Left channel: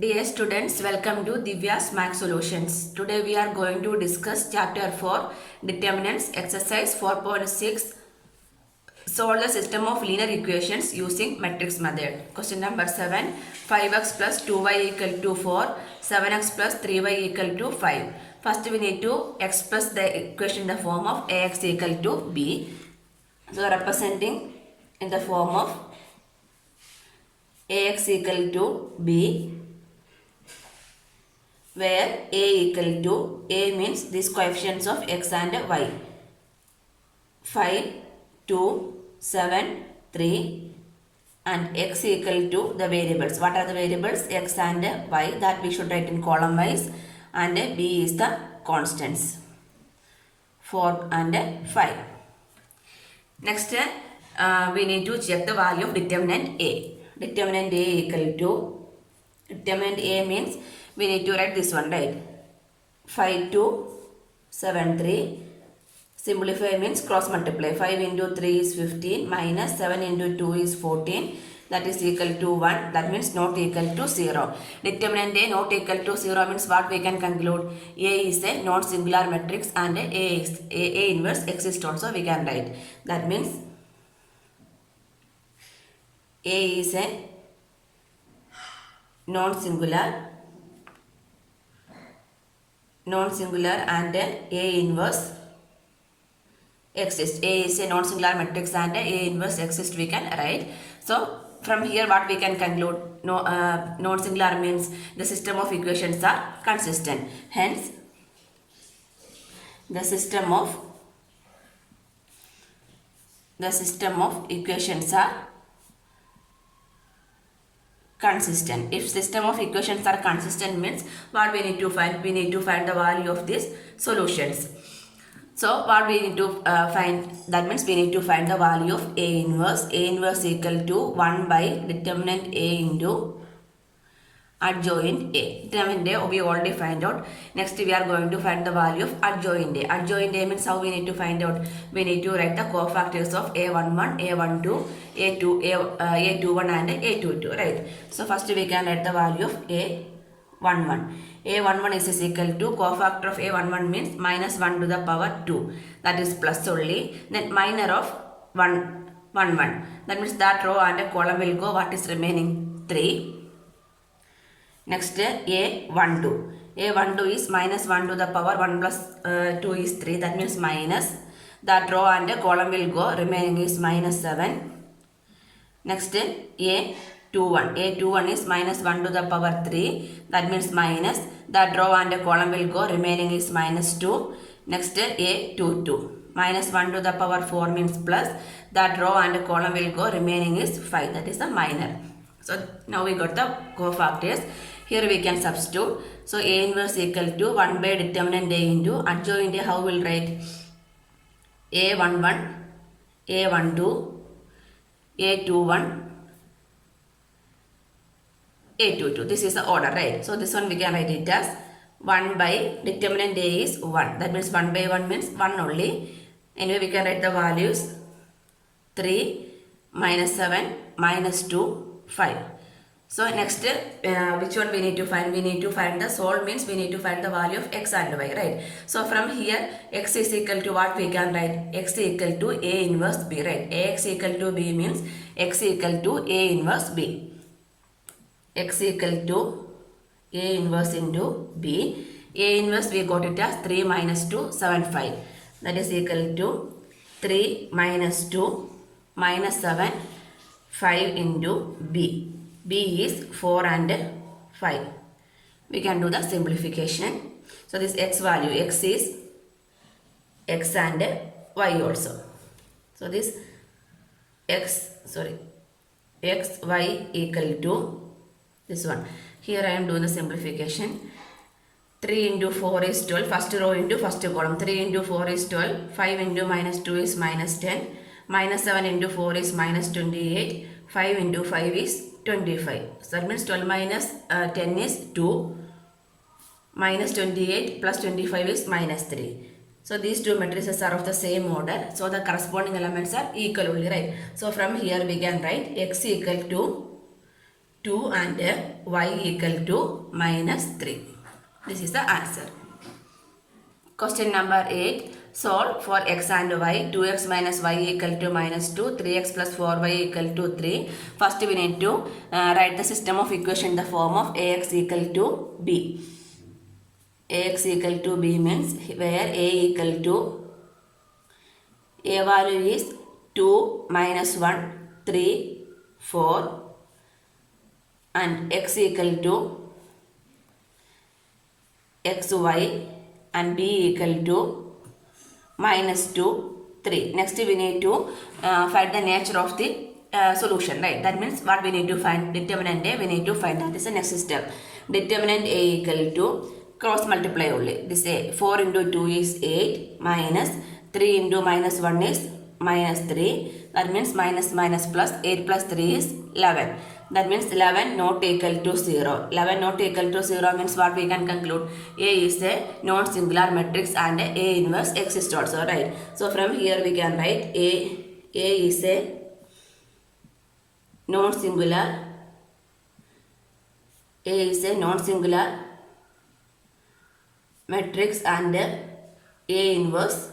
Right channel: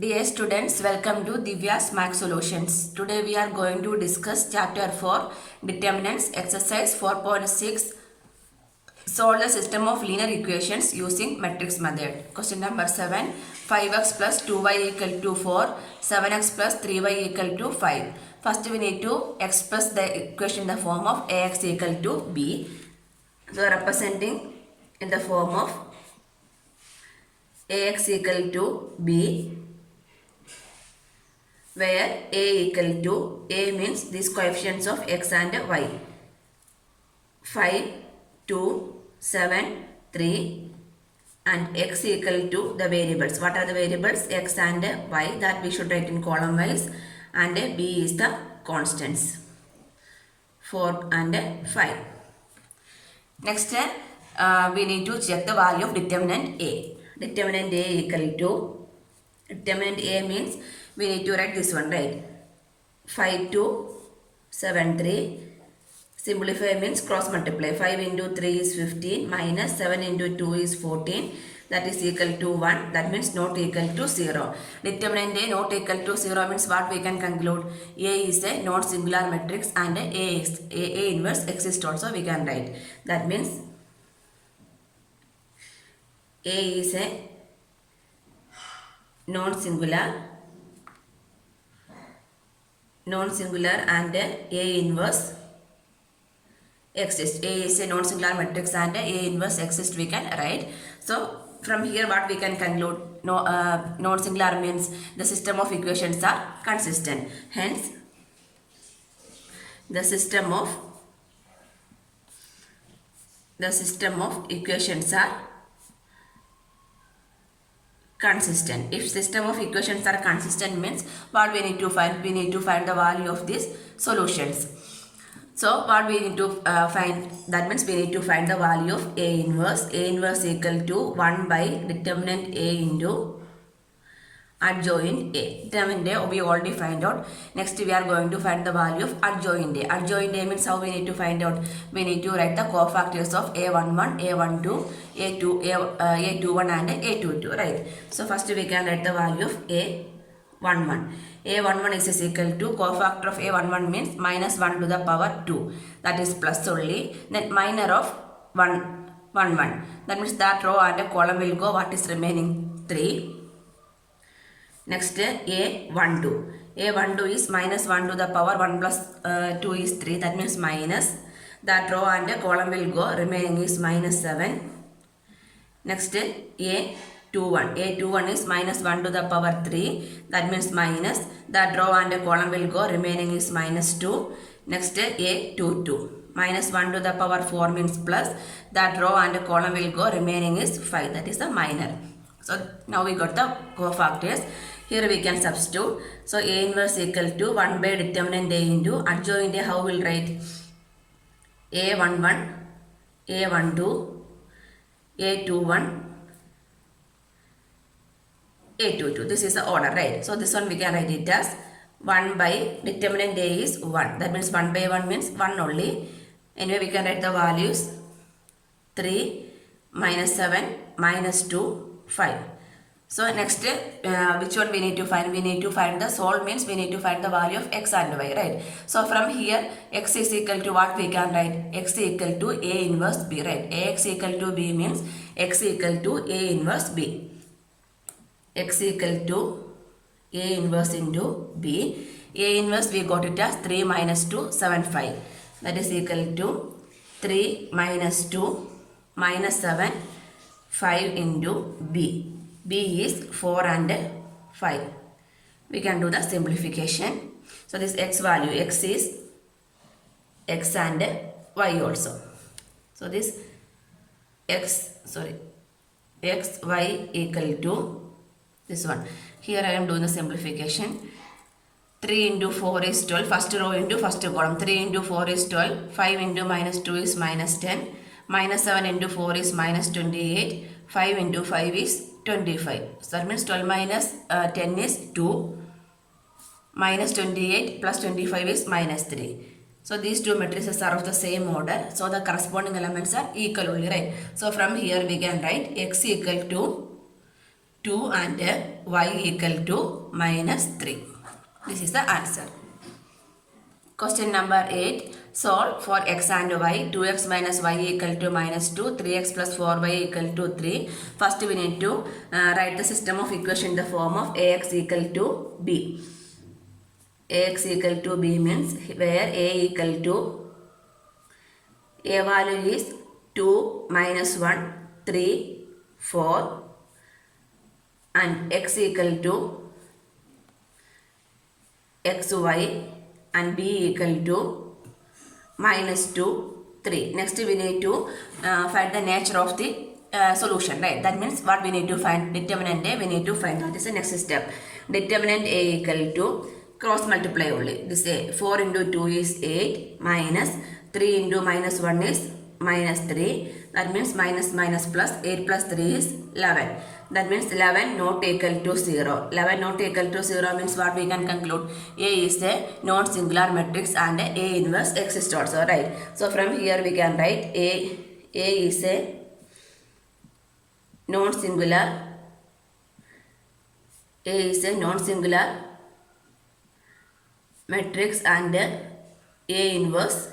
Dear students, welcome to Divya's Max Solutions. Today we are going to discuss chapter 4 Determinants Exercise 4.6 Solve the system of linear equations using matrix method. Question number 7 5x plus 2y equal to 4 7x plus 3y equal to 5. First we need to express the equation in the form of ax equal to b. So representing in the form of ax equal to b, where a equal to, a means these coefficients of x and y, 5, 2, 7, 3, and x equal to the variables. What are the variables? X and y, that we should write in column wise, and b is the constants, 4 and 5. Next, we need to check the value of determinant a. Determinant a equal to, determinant a means we need to write this one, right? 5, 2, 7, 3. Simplify means cross multiply. 5 into 3 is 15 minus 7 into 2 is 14. That is equal to 1. That means not equal to 0. Determinant A not equal to 0 means what we can conclude? A is a non-singular matrix and A inverse exists also we can write. That means A is a non-singular and A inverse exists. A is a non-singular matrix and A inverse exists we can write. So from here what we can conclude? Non-singular means the system of equations are consistent. Hence the system of equations are consistent. If system of equations are consistent means what we need to find? We need to find the value of these solutions. So what we need to find? That means we need to find the value of A inverse. A inverse equal to 1 by determinant A into adjoint A. Determinant A we already find out. Next we are going to find the value of adjoint A. Adjoint A means how we need to find out? We need to write the cofactors of A11, A12, A21 and A22, right? So first we can write the value of A11. A11 is equal to cofactor of A11 means minus 1 to the power 2. That is plus only. Then minor of 1. That means that row and a column will go. What is remaining? 3. Next A12. A12 is minus 1 to the power 1 plus 2 is 3. That means minus. That row and a column will go. Remaining is minus 7. Next A21. A21 is minus 1 to the power 3. That means minus. That row and a column will go. Remaining is minus 2. Next A22. Minus 1 to the power 4 means plus. That row and a column will go. Remaining is 5. That is the minor. So now we got the cofactors. Here we can substitute. So A inverse equal to 1 by determinant A into adjoint A. How will write? A11, A12, A21, A22. This is the order, right? So this one we can write it as 1 by determinant A is 1. That means 1 by 1 means 1 only. Anyway, we can write the values 3, minus 7, minus 2, 5. So next, which one we need to find? We need to find the solve means we need to find the value of x and y, right? So from here, x is equal to what we can write? X equal to A inverse B, right? Ax equal to B means x equal to A inverse B. X equal to A inverse into B. A inverse we got it as 3 minus 2, 7, 5. That is equal to 3 minus 2 minus 7, 5 into B. B is 4 and 5. We can do the simplification. So this x value, x is x and y also. So this x, y equal to this one. Here I am doing the simplification. 3 into 4 is 12. First row into first column. 3 into 4 is 12. 5 into minus 2 is minus 10. Minus 7 into 4 is minus 28. 5 into 5 is 25. So that means 12 minus 10 is 2. Minus 28 plus 25 is minus 3. So these two matrices are of the same order. So the corresponding elements are equal only, right? So from here we can write x equal to 2 and y equal to minus 3. This is the answer. Question number 8. Solve for x and y. 2x minus y equal to minus 2. 3x plus 4y equal to 3. First we need to write the system of equation in the form of ax equal to b. Ax equal to b means where a equal to a value is 2 minus 1 3 4 and x equal to xy and b equal to minus 2 3. Next we need to find the nature of the solution, right? That means what we need to find? Determinant A we need to find. That is the next step. Determinant A equal to cross multiply only. This A 4 into 2 is 8 minus 3 into minus 1 is minus 3. That means minus minus plus 8 plus 3 is 11. That means 11 not equal to 0. 11 not equal to 0 means what we can conclude? A is a non-singular matrix and A inverse exists also, right? So from here we can write A is a non-singular. A is a non-singular matrix and A inverse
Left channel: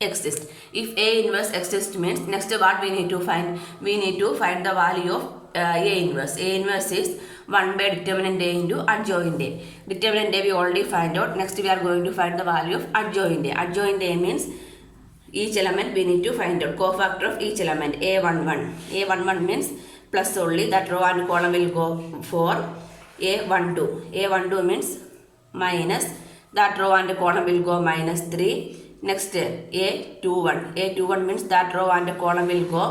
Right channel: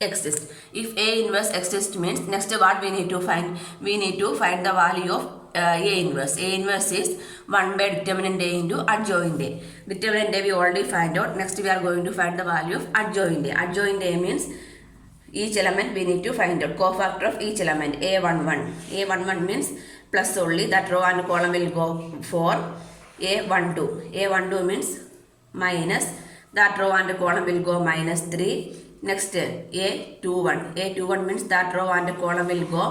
exists. If A inverse exists means next what we need to find? We need to find the value of A inverse. A inverse is 1 by determinant A into adjoint A. Determinant A we already find out. Next we are going to find the value of adjoint A. Adjoint A means each element we need to find out. Cofactor of each element. A11. A11 means plus only. That row and column will go for A12. A12 means minus. That row and column will go minus 3. Next A21. A21 means that row and column will go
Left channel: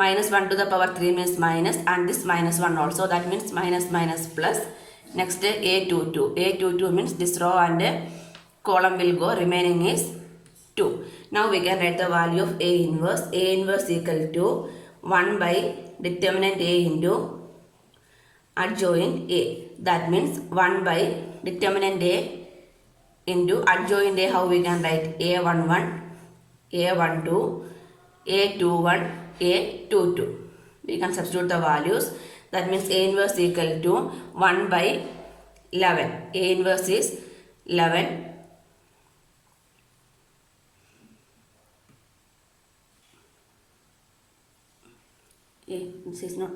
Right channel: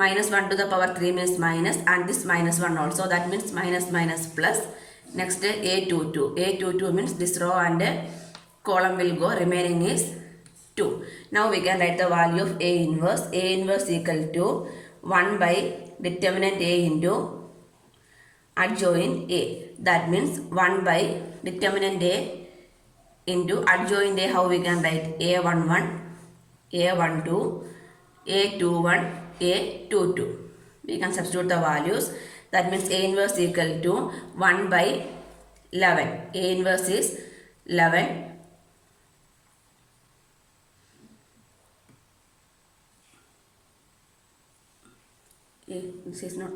minus 1 to the power 3 means minus and this minus 1 also. That means minus minus plus. Next A22. A22 means this row and column will go. Remaining is 2. Now we can write the value of A inverse. A inverse equal to 1 by determinant A into adjoint A. That means 1 by determinant A into adjoint A. How we can write? A11, A12, A21, A22. We can substitute the values. That means A inverse equal to 1 by 11. A inverse is 11. This is not.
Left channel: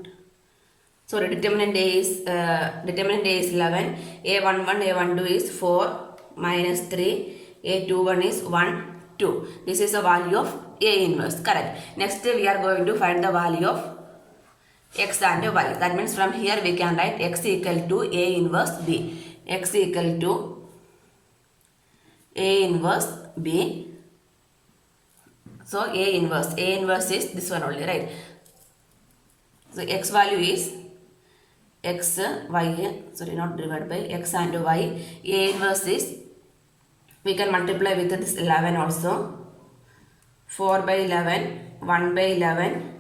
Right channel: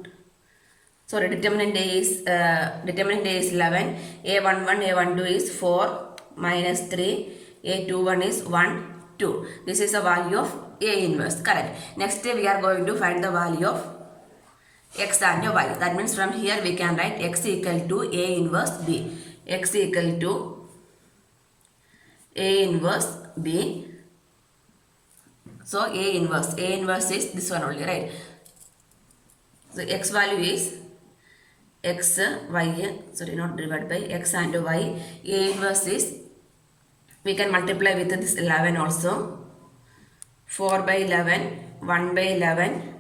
Sorry, determinant A is 11. A11, A12 is 4 minus 3. A21 is 1, 2. This is the value of A inverse. Correct. Next we are going to find the value of x and y. That means from here we can write x equal to A inverse B. X equal to A inverse B. So A inverse is this one only, right? So x value is x, y, sorry, not divided by x and y. A inverse is, we can multiply with this 11 also. 4 by 11, 1 by 11,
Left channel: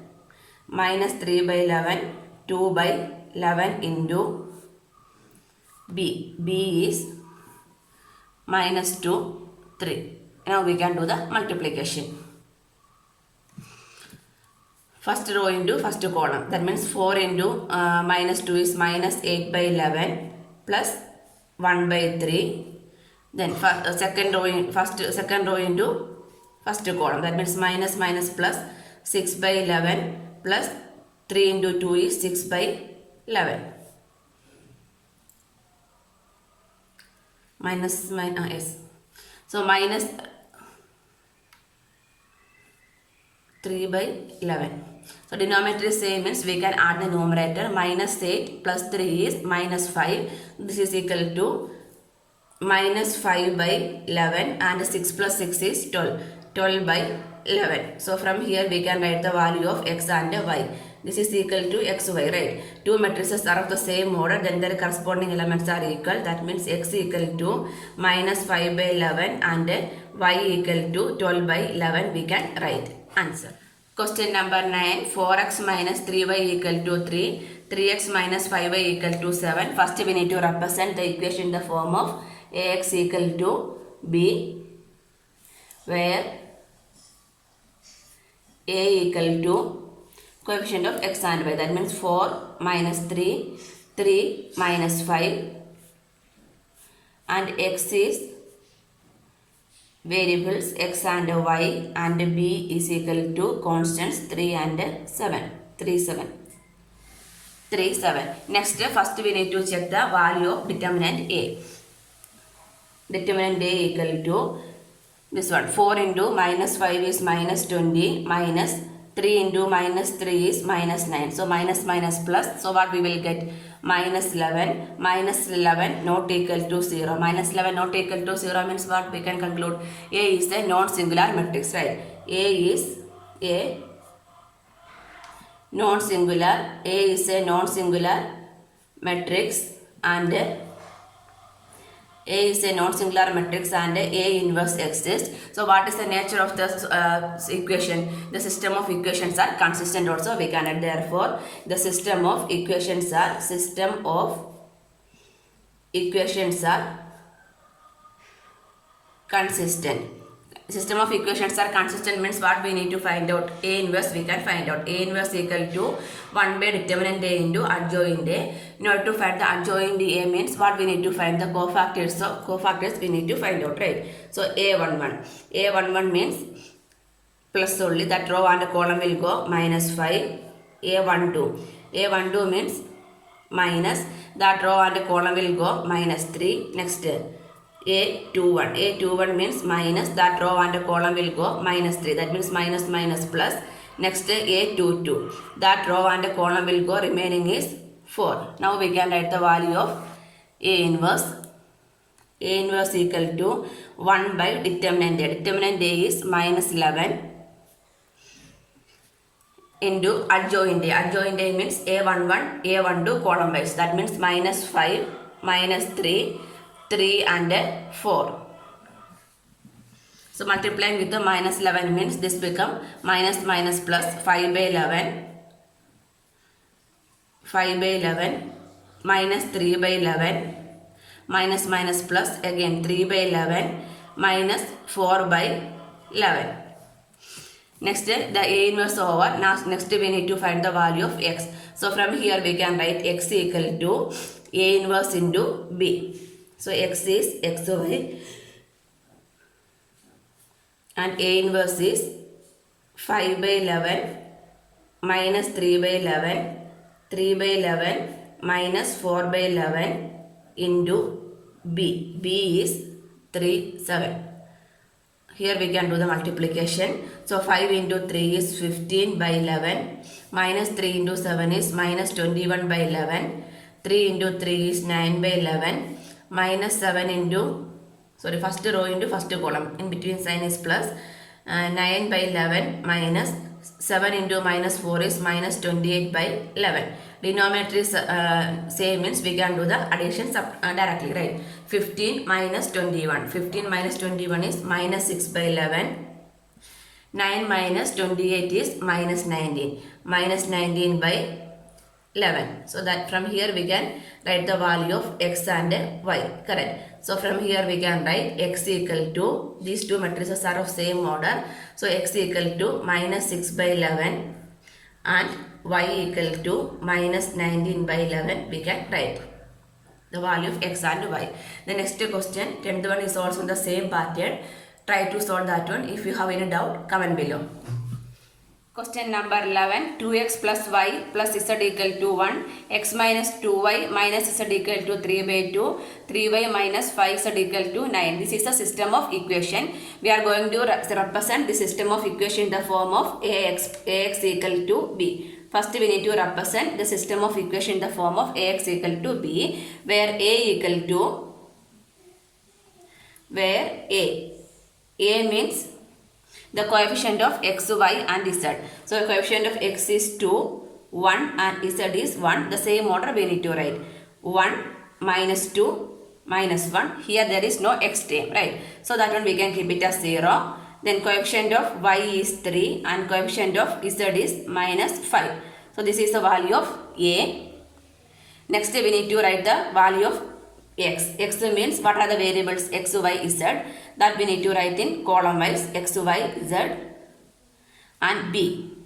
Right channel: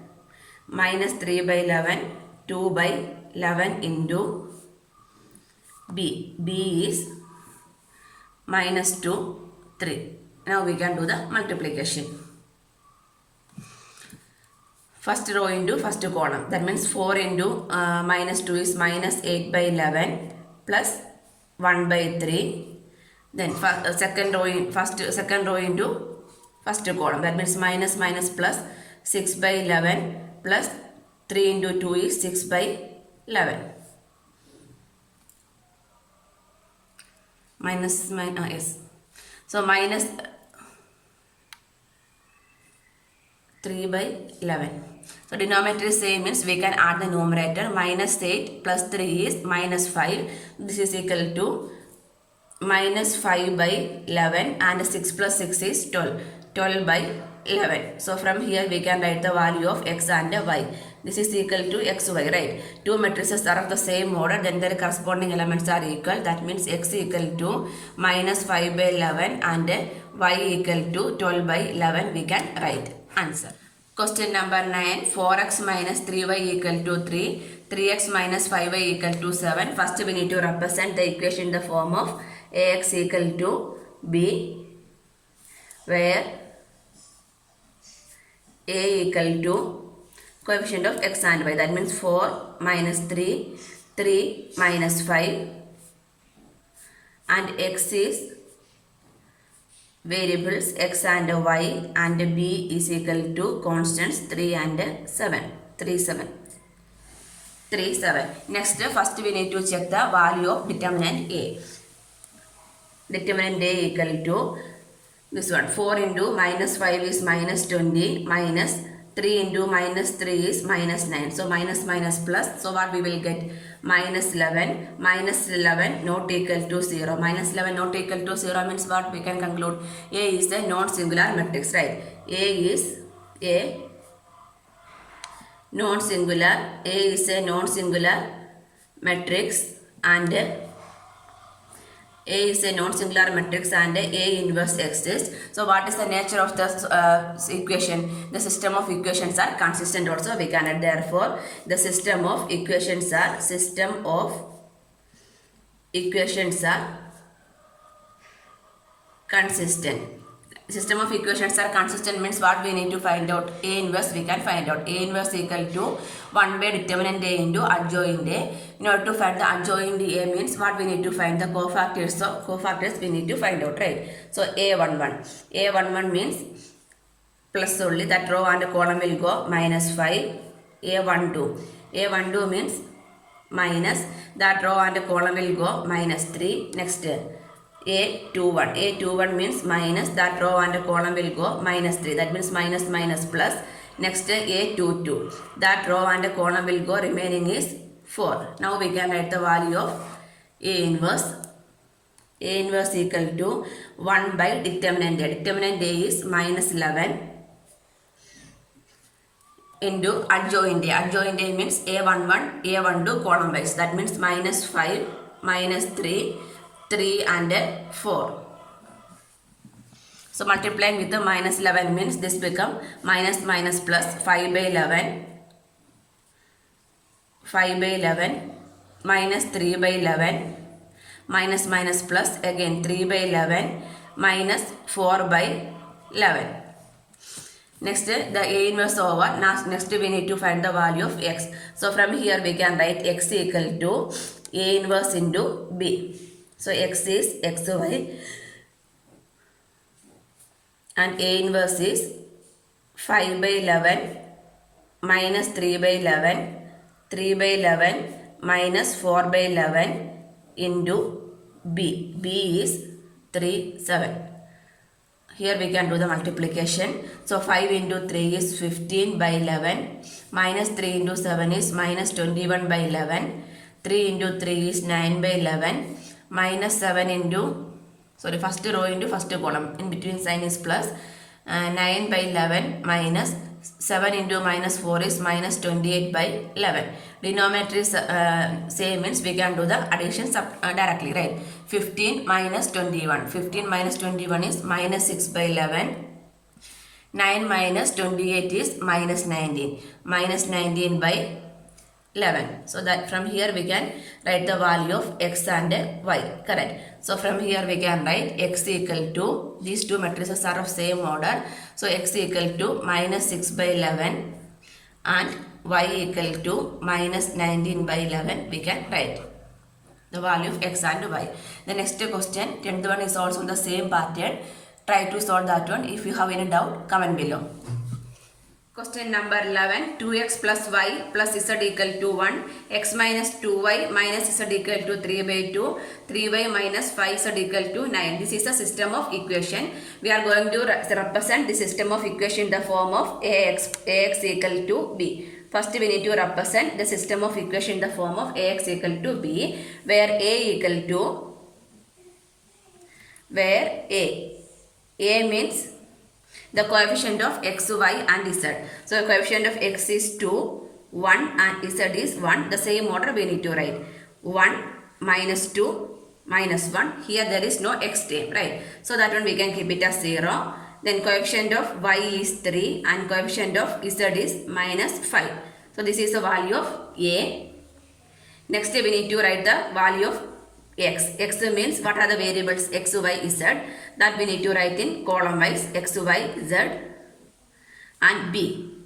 minus 3 by 11, 2 by 11 into b. b is minus 2, 3. Now we can do the multiplication. First row into first column. That means 4 into minus 2 is minus 8 by 11 plus 1 by 3. Then second row into first column. That means minus minus plus 6 by 11 plus 3 into 2 is 6 by 11. Minus yes. So minus 3 by 11. So denominator is same means we can add the numerator. Minus 8 plus 3 is minus 5. This is equal to minus 5 by 11 and 6 plus 6 is 12. 12 by 11. So from here we can write the value of x and y. This is equal to xy, right? Two matrices are of the same order, then their corresponding elements are equal. That means x equal to minus 5 by 11 and y equal to 12 by 11 we can write. Answer. Question number 9. 4x minus 3y equal to 3. 3x minus 5y equal to 7. First we need to represent the equation in the form of ax equal to b, where a equal to coefficient of x and y. That means 4 minus 3, 3 minus 5, and x is variables x and y, and b is equal to constants 3 and 7, 3, 7. 3, 7. Next, first we need to check the value of determinant A. Determinant A equal to this one. 4 into minus 5 is minus 20, minus 3 into minus 3 is minus 9. So minus minus plus. So what we will get? Minus 11. Minus 11 not equal to 0. Minus 11 not equal to 0 means what? We can conclude A is a non-singular matrix, right? A is a non-singular. A is a non-singular matrix, and A is a non-singular matrix, and A inverse exists. So what is the nature of the equation? The system of equations are consistent also, we can add. Therefore, the system of equations are consistent. System of equations are consistent means what we need to find out? A inverse we can find out. A inverse equal to 1 by determinant A into adjoint A. In order to find the adjoint A means what we need to find? The cofactors. So cofactors we need to find out, right? So A11. A11 means plus only, that row and column will go minus 5. A12. A12 means minus, that row and column will go minus 3. Next, A21. A21 means minus, that row and column will go minus 3. That means minus minus plus. Next, A22. That row and column will go, remaining is 4. Now we can write the value of A inverse. A inverse equal to 1 by determinant A. Determinant A is minus 11 into adjoint A. Adjoint A means A11, A12 column wise. That means minus 5, minus 3, 3 and 4. So multiplying with the minus 11 means this become minus minus plus 5 by 11, 5 by 11, minus 3 by 11, minus minus plus again 3 by 11, minus 4 by 11. Next, the A inverse over. Now next we need to find the value of x. So from here we can write x equal to A inverse into B. So x is xy, and A inverse is 5 by 11 minus 3 by 11, 3 by 11 minus 4 by 11 into B. B is 3, 7. Here we can do the multiplication. So 5 into 3 is 15 by 11, minus 3 into 7 is minus 21 by 11, 3 into 3 is 9 by 11, minus 7 into, sorry, first row into first column, in between sign is plus, 9 by 11 minus 7 into minus 4 is minus 28 by 11. Denominator is same means we can do the addition directly, right? 15 minus 21. 15 minus 21 is minus 6 by 11. 9 minus 28 is minus 19. Minus 19 by 11. So that from here we can write the value of x and y. Correct. So from here we can write x equal to, these two matrices are of same order. So x equal to minus 6 by 11 and y equal to minus 19 by 11. We can write the value of x and y. The next question, 10th one is also in the same pattern. Try to solve that one. If you have any doubt, comment below. Question number 11, 2x plus y plus z equal to 1, x minus 2y minus z equal to 3 by 2, 3y minus 5z equal to 9. This is the system of equation. We are going to represent the system of equation in the form of ax equal to b. First we need to represent the system of equation in the form of ax equal to b, where a equal to, where a means the coefficient of x, y and z. So the coefficient of x is 2, 1 and z is 1. The same order we need to write. 1 minus 2 minus 1. Here there is no x term, right? So that one we can keep it as 0. Then coefficient of y is 3 and coefficient of z is minus 5. So this is the value of a. Next we need to write the value of x. X means what are the variables x, y, z. That we need to write in column wise x, y, z. And b.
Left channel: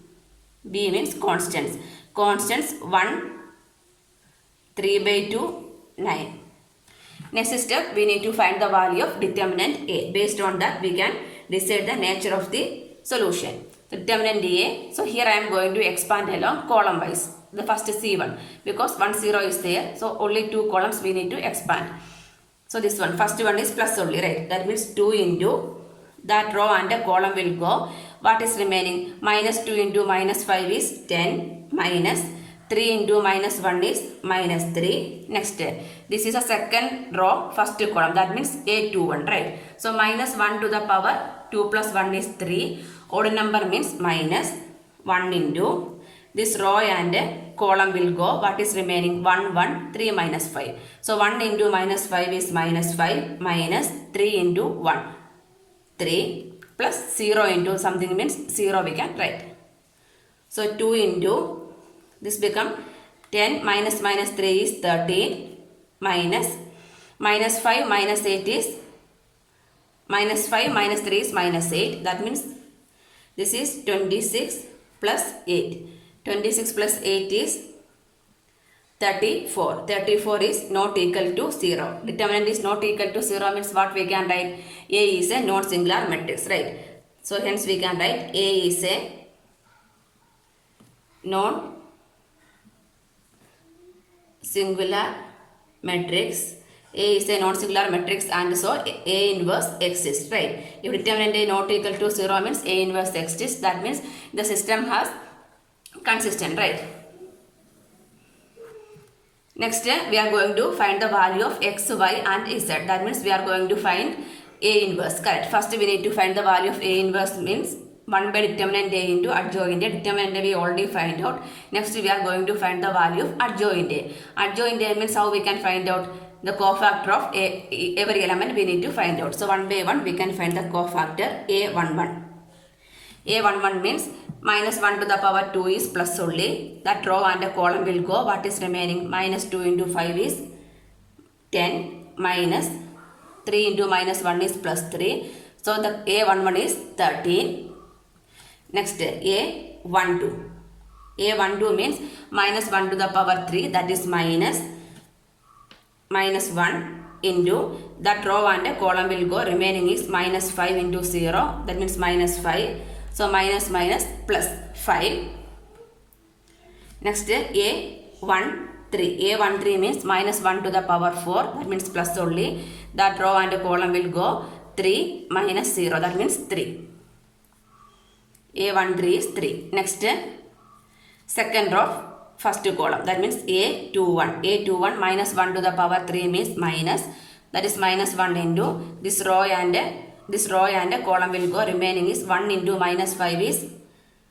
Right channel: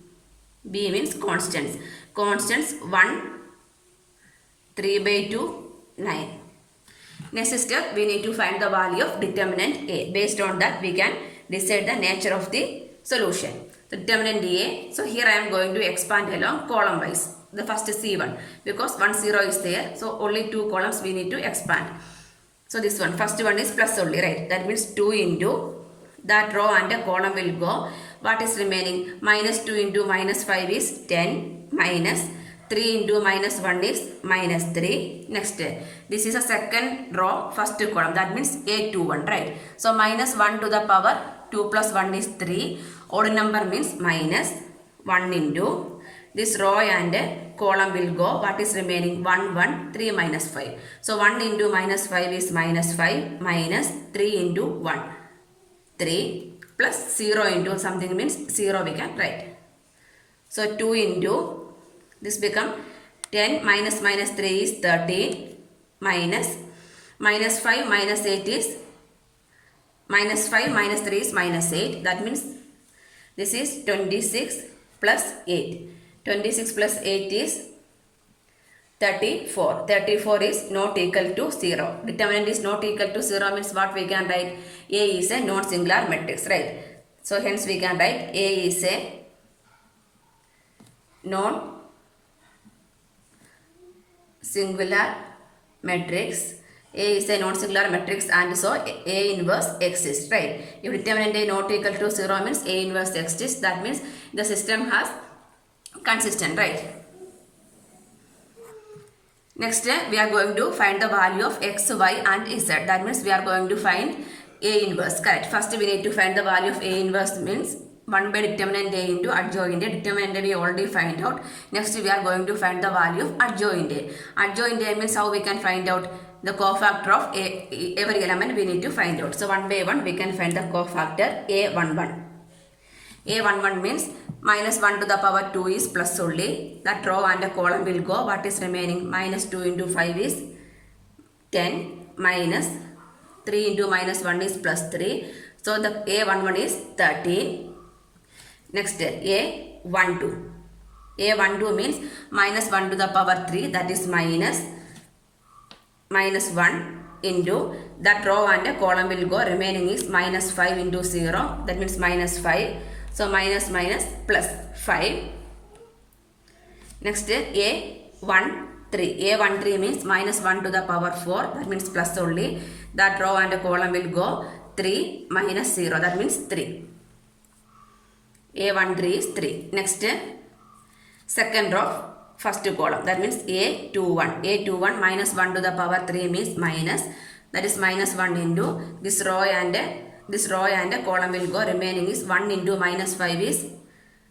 B means constants. Constants 1, 3 by 2, 9. Next step, we need to find the value of determinant A. Based on that, we can decide the nature of the solution. So, determinant A. So, here I am going to expand along column wise. The first is C1 because 1 0 is there. So, only 2 columns we need to expand. So, this one, first one is plus only, right? That means 2 into that row and a column will go. What is remaining? Minus 2 into minus 5 is 10 minus 3 into minus 1 is minus 3. Next, this is a second row, first column. That means A21, right? So, minus 1 to the power 2 plus 1 is 3. Odd number means minus 1 into this row and column will go. What is remaining? 1, 1, 3 minus 5. So, 1 into minus 5 is minus 5 minus 3 into 1. 3 plus 0 into something means 0 we can write. So, 2 into this become 10 minus minus 3 is 13 minus 5 minus 8 is minus 5 minus 3 is minus 8. That means this is 26 plus 8. 26 plus 8 is 34. 34 is not equal to 0. Determinant is not equal to 0 means what we can write? A is a non-singular matrix, right? So hence we can write A is a non-singular matrix. A is a non-singular matrix and so A inverse exists, right? If determinant A not equal to 0 means A inverse exists. That means the system has consistent, right? Next, we are going to find the value of x, y and z. That means we are going to find A inverse, correct? First, we need to find the value of A inverse means 1 by determinant A into adjoint A. Determinant A we already find out. Next, we are going to find the value of adjoint A. Adjoint A means how we can find out the cofactor of every element we need to find out. So, 1 by 1 we can find the cofactor A11. A11 means minus 1 to the power 2 is plus only. That row and a column will go. What is remaining? Minus 2 into 5 is 10 minus 3 into minus 1 is plus 3. So, the A11 is 13. Next, A12. A12 means minus 1 to the power 3, that is minus 1 into that row and a column will go. Remaining is minus 5 into 0, that means minus 5. So, minus minus plus 5. Next, A13. A13 means minus 1 to the power 4, that means plus only. That row and a column will go 3 minus 0, that means 3. A13 is 3. Next, second row, first column, that means A21. A21 minus 1 to the power 3 means minus, that is minus 1 into this row and a column will go. Remaining is 1 into minus 5 is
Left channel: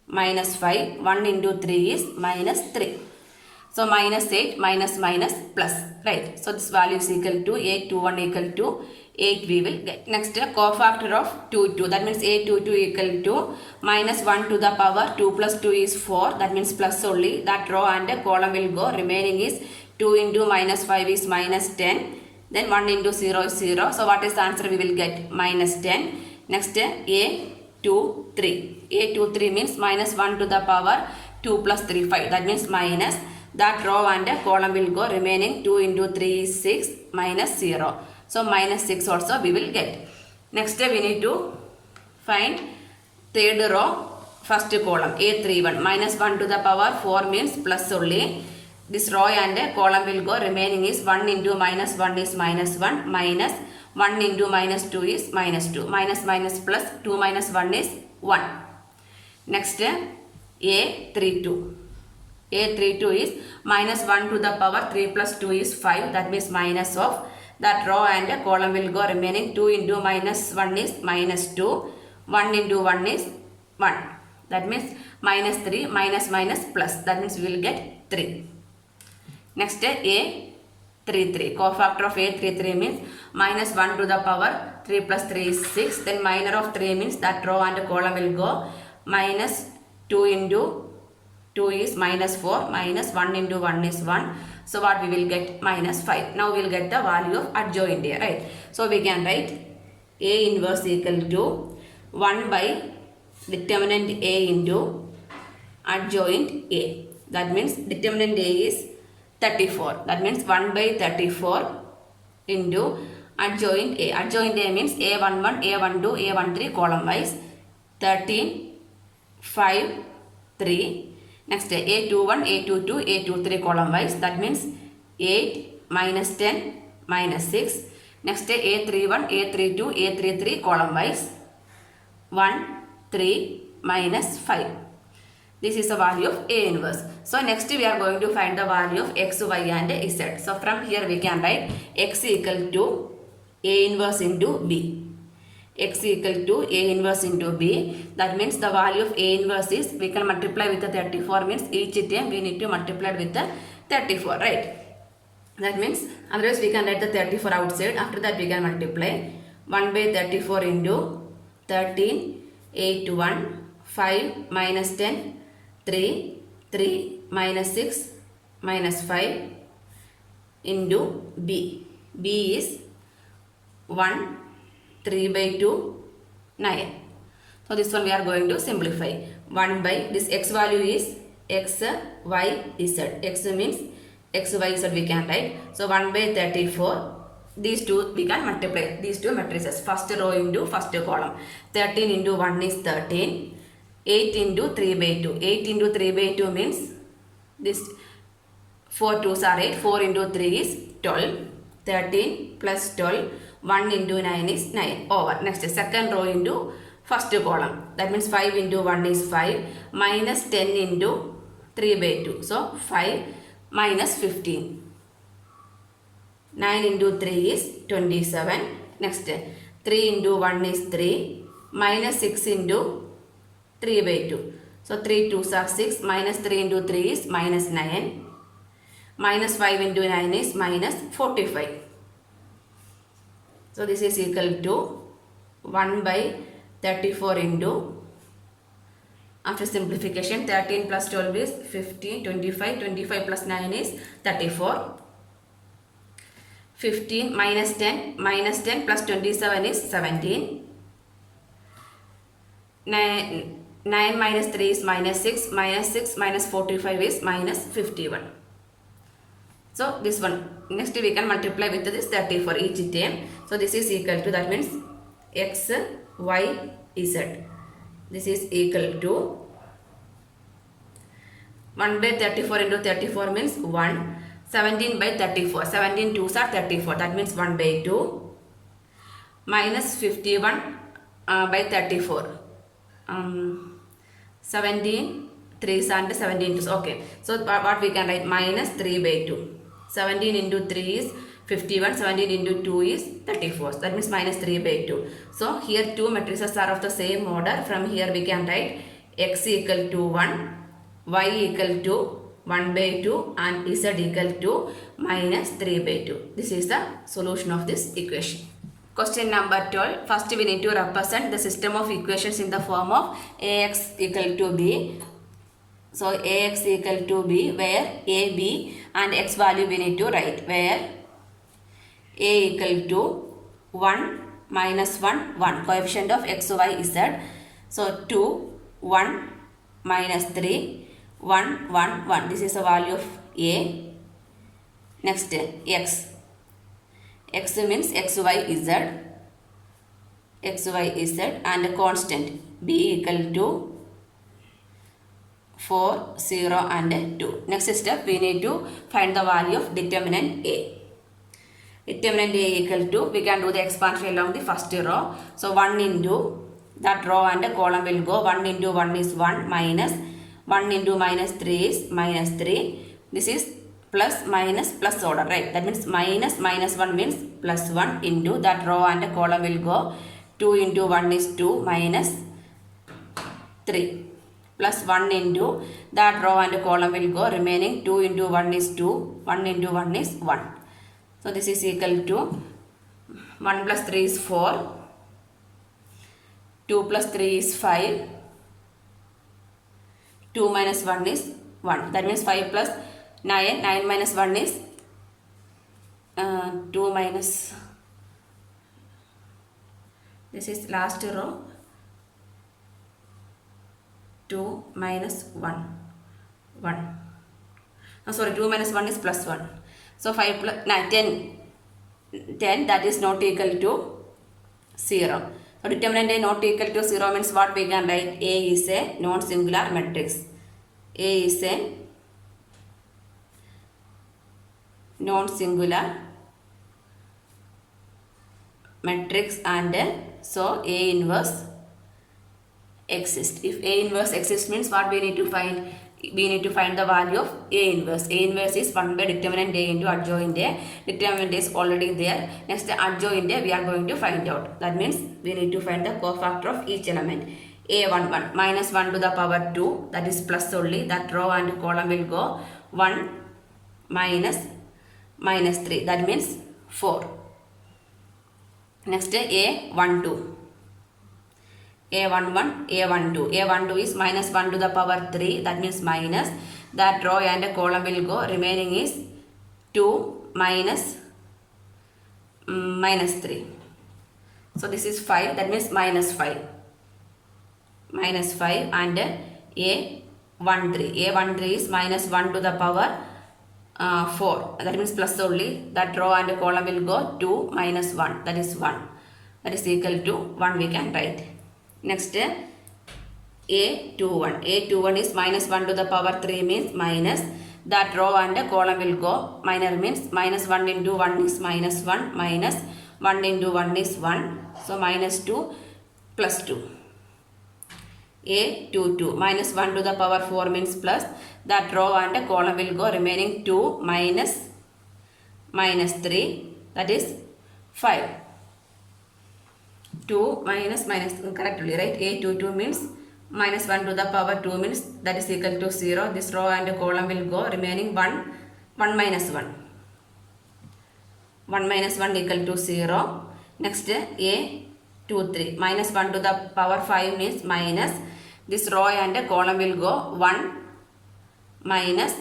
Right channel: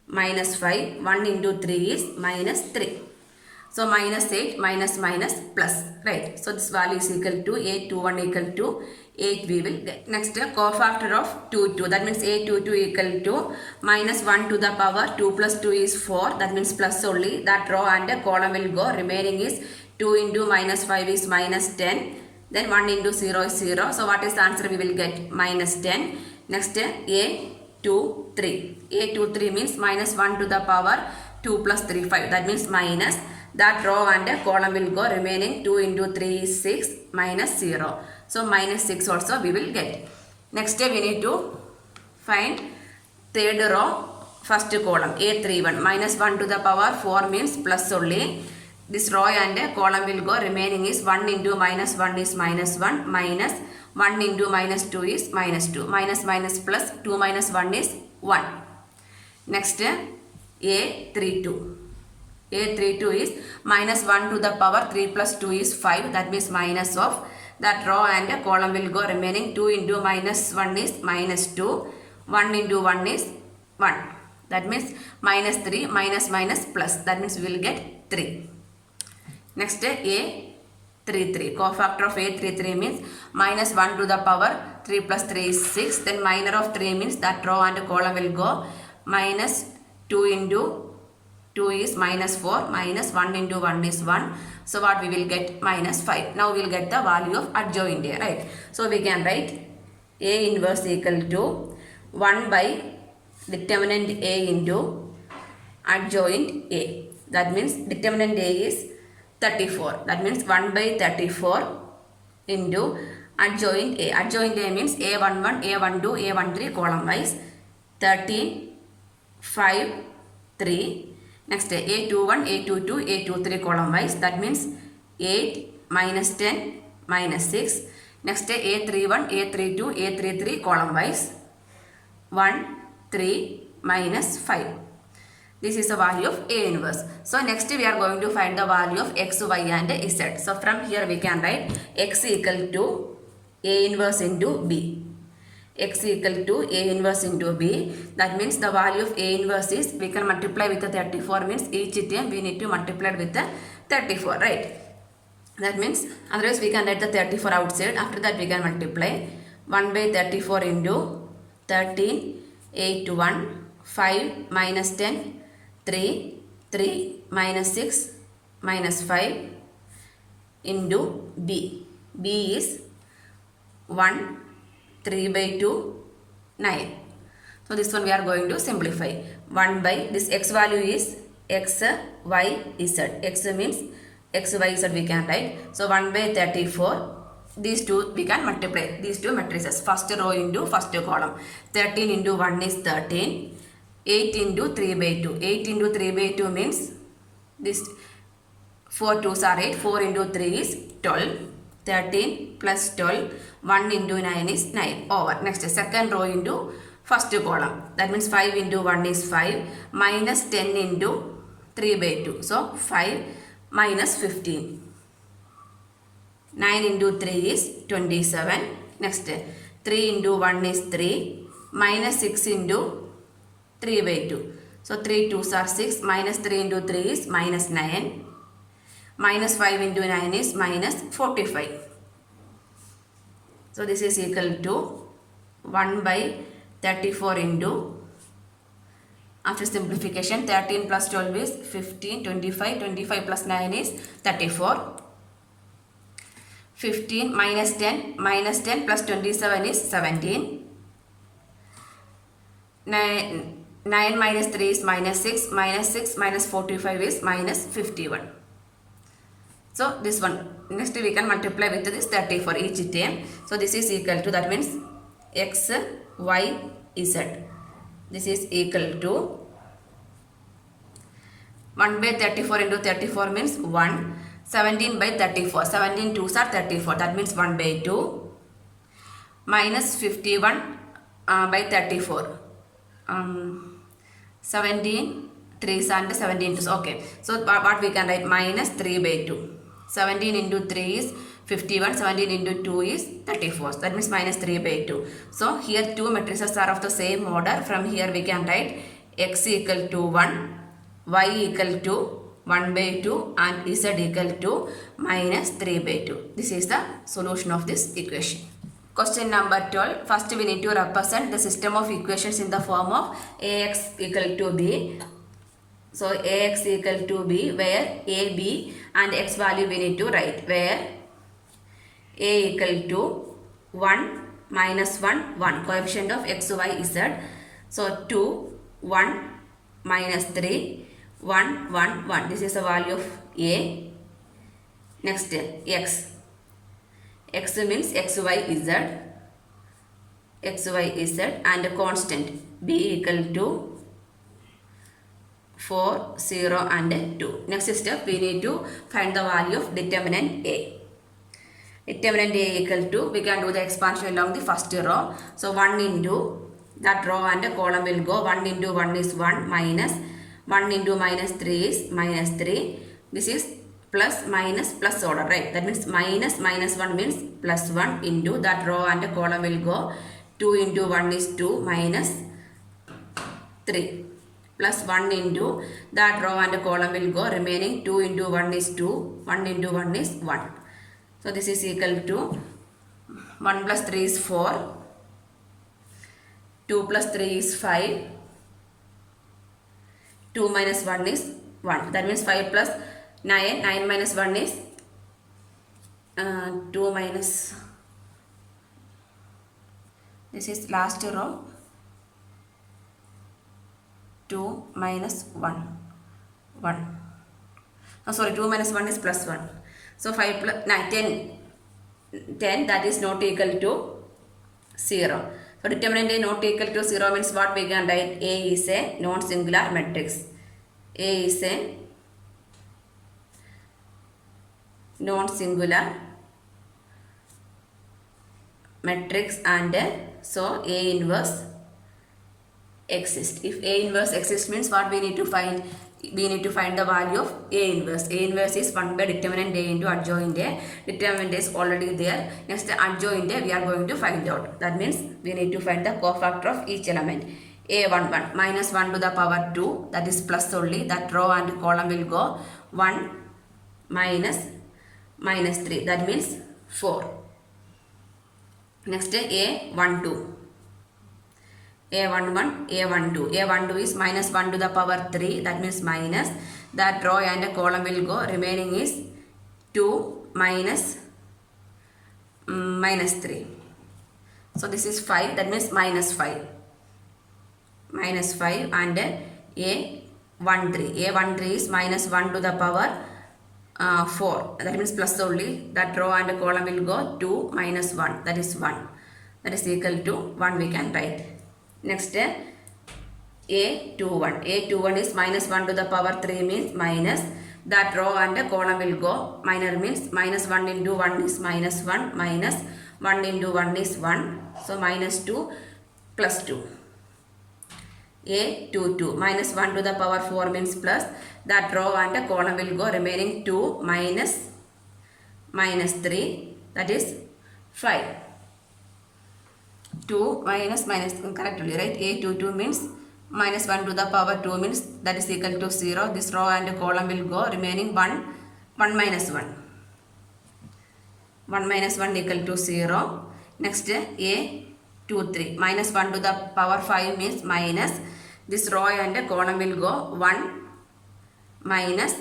minus 5. 1 into 3 is minus 3. So, minus 8 minus minus plus, right? So, this value is equal to A21 equal to 8 we will get. Next, cofactor of 2, 2. That means A22 equal to minus 1 to the power 2 plus 2 is 4. That means plus only. That row and a column will go. Remaining is 2 into minus 5 is minus 10. Then 1 into 0 is 0. So, what is the answer? We will get minus 10. Next, A23. A23 means minus 1 to the power 2 plus 3, 5. That means minus. That row and a column will go. Remaining 2 into 3 is 6 minus 0. So, minus 6 also we will get. Next, we need to find third row, first column, A31. Minus 1 to the power 4 means plus only. This row and a column will go. Remaining is 1 into minus 1 is minus 1 minus 1 into minus 2 is minus 2. Minus minus plus 2 minus 1 is 1. Next, A32. A32 is minus 1 to the power 3 plus 2 is 5. That means minus of. That row and a column will go. Remaining 2 into minus 1 is minus 2. 1 into 1 is 1. That means minus 3 minus minus plus. That means we will get 3. Next, A33. Cofactor of A33 means minus 1 to the power 3 plus 3 is 6. Then minor of 3 means that row and a column will go. Minus 2 into 2 is minus 4. Minus 1 into 1 is 1. So, what we will get? Minus 5. Now, we will get the value of adjoint A, right? So, we can write A inverse equal to 1 by determinant A into adjoint A. That means determinant A is 34. That means 1 by 34 into adjoint A. Adjoint A means A11, A12, A13 column wise. 13, 5, 3. Next A21, A22, A23 column wise. That means 8, minus 10, minus 6. Next A31, A32, A33 column wise. 1, 3, minus 5. This is the value of A inverse. So next we are going to find the value of X, Y and Z. So from here we can write X equal to A inverse into B. X equal to A inverse into B. That means the value of A inverse is, we can multiply with the 34, means each term we need to multiply with the 34, right? That means otherwise we can write the 34 outside. After that we can multiply 1 by 34 into 13, 8, 1, 5, minus 10, 3, 3, minus 6, minus 5 into B. B is 1, 3 by 2, 9. So this one we are going to simplify. 1 by, this X value is X, Y, Z. X means X, Y, Z we can write. So 1 by 34. These two we can multiply. These two matrices. First row into first column. 13 into 1 is 13. 8 into 3 by 2. 8 into 3 by 2 means this 4 2s are 8. 4 into 3 is 12. 13 plus 12. 1 into 9 is 9. Over. Next second row into first column. That means 5 into 1 is 5. Minus 10 into 3 by 2. So 5 minus 15. 9 into 3 is 27. Next 3 into 1 is 3. Minus 6 into 3 by 2. So 3 2s are 6. Minus 3 into 3 is minus 9. Minus 5 into 9 is minus 45. So this is equal to 1 by 34 into, after simplification, 13 plus 12 is 15, 25, 25 plus 9 is 34. 15 minus 10 plus 27 is 17. 9 minus 3 is minus 6. Minus 6 minus 45 is minus 51. So this one. Next we can multiply with this 30 for each term. So this is equal to, that means X, Y, Z. This is equal to 1 by 34 into 34 means 1. 17 by 34. 17 2s are 34. That means 1 by 2. Minus 51 by 34. 17 3s and 17 2s. Okay. So what we can write? Minus 3 by 2. 17 into 3 is 51. 17 into 2 is 34. That means minus 3 by 2. So here two matrices are of the same order. From here we can write X equal to 1. Y equal to 1 by 2 and Z equal to minus 3 by 2. This is the solution of this equation. Question number 12. First we need to represent the system of equations in the form of Ax equal to B. So Ax equal to B, where A, B and X value we need to write, where A equal to 1, minus 1, 1. Coefficient of X, Y, Z. So 2, 1, minus 3, 1, 1, 1. This is the value of A. Next X. X means X, Y, Z. X, Y, Z and a constant B equal to 4, 0 and 2. Next step we need to find the value of determinant A. Determinant A equal to, we can do the expansion along the first row. So 1 into that row and a column will go. 1 into 1 is 1, minus 1 into minus 3 is minus 3. This is plus minus plus order, right? That means minus 1 means plus 1 into that row and a column will go. 2 into 1 is 2 minus 3. Plus 1 into that row and column will go, remaining 2 into 1 is 2, 1 into 1 is 1. So this is equal to 1 plus 3 is 4, 2 plus 3 is 5, 2 minus 1 is 1. That means 5 plus 9, 9 minus 1 is 2 minus, this is last row, 2 minus 1, 1. 2 minus 1 is plus 1. So 5 plus 9, 10 that is not equal to 0. So determinant A not equal to 0 means what we can write? A is a non-singular matrix. A is a non-singular matrix and so A inverse exists. If A inverse exists means what we need to find? We need to find the value of A inverse. A inverse is 1 by determinant A into adjoint A. Determinant is already there. Next adjoint A we are going to find out. That means we need to find the cofactor of each element. A11 minus 1 to the power 2, that is plus only. That row and column will go 1 minus 3, that means 4. Next A12. A11, A12. A12 is minus 1 to the power 3, that means minus. That row and column will go, remaining is 2 minus 3. So this is 5, that means minus 5. Minus 5 and A13. A13 is minus 1 to the power 4, that means plus only. That row and column will go 2 minus 1, that is 1. That is equal to 1 we can write. Next A21. A21 is minus 1 to the power 3 means minus. That row and column will go, minor means minus 1 into 1 is minus 1, minus 1 into 1 is 1. So minus 2 plus 2. A22 minus 1 to the power 4 means plus. That row and column will go, remaining 2 minus 3, that is 5. 2 minus correctly, right? A22 means minus 1 to the power 2 means that is equal to 0. This row and column will go, remaining 1 minus 1. 1 minus 1 equal to 0. Next A23 minus 1 to the power 5 means minus. This row and column will go 1 minus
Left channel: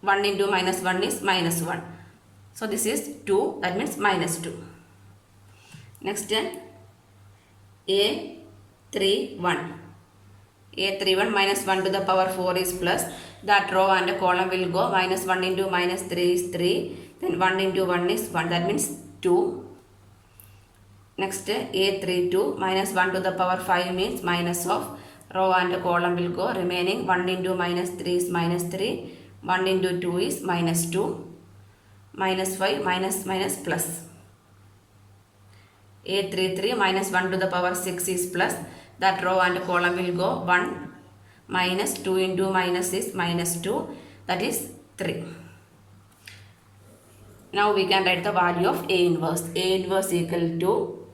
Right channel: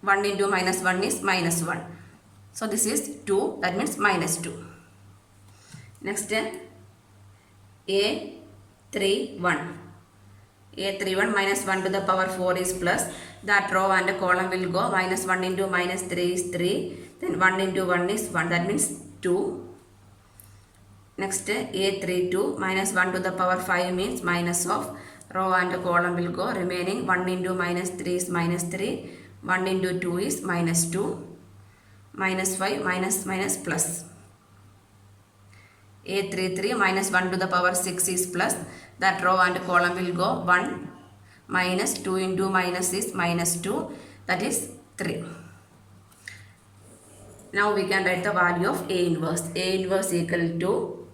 1 into minus 1 is minus 1. So this is 2, that means minus 2. Next A31. A31 minus 1 to the power 4 is plus. That row and column will go, minus 1 into minus 3 is 3. Then 1 into 1 is 1, that means 2. Next A32 minus 1 to the power 5 means minus of. Row and column will go, remaining 1 into minus 3 is minus 3. 1 into 2 is minus 2. Minus 5 minus plus. A33 minus 1 to the power 6 is plus. That row and column will go 1 minus 2 into minus is minus 2, that is 3. Now we can write the value of A inverse. A inverse equal to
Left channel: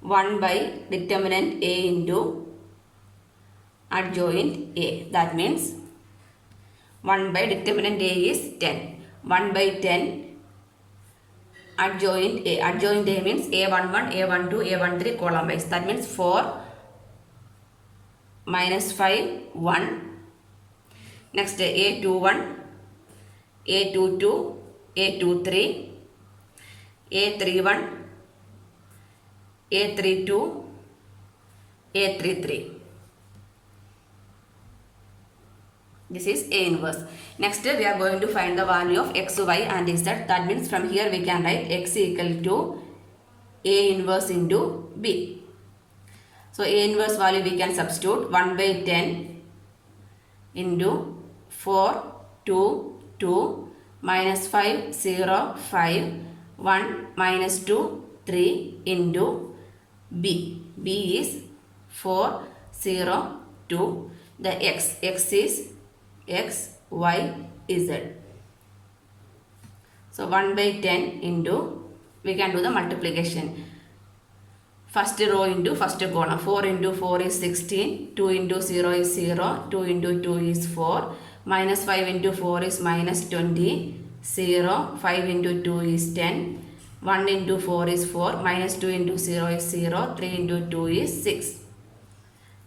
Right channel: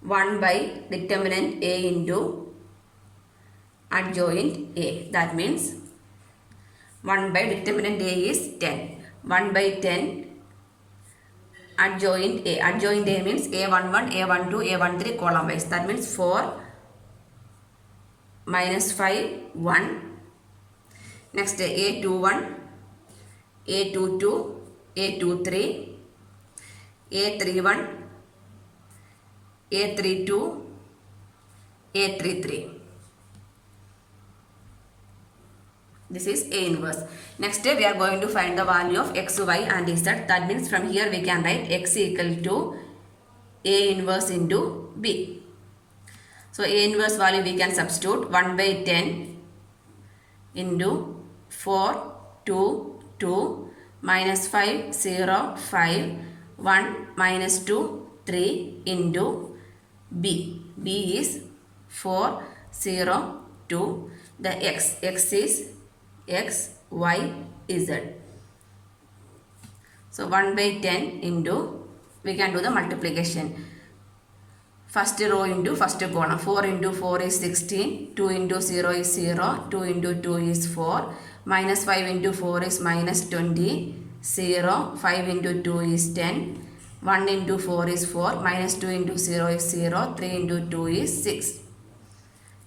1 by determinant A into adjoint A. That means 1 by determinant A is 10. 1 by 10 adjoint A. Adjoint A means A11, A12, A13 column wise. That means 4 minus 5, 1. Next A21, A22, A23, A31, A32, A33. This is A inverse. Next we are going to find the value of x, y and z. That means from here we can write x equal to A inverse into B. So A inverse value we can substitute 1 by 10 into 4, 2, 2, minus 5, 0, 5, 1, minus 2, 3 into B. B is 4, 0, 2. The x is x, y, z. So 1 by 10 into, we can do the multiplication. First row into first column. 4 into 4 is 16. 2 into 0 is 0. 2 into 2 is 4. Minus 5 into 4 is minus 20. 0. 5 into 2 is 10. 1 into 4 is 4. Minus 2 into 0 is 0. 3 into 2 is 6.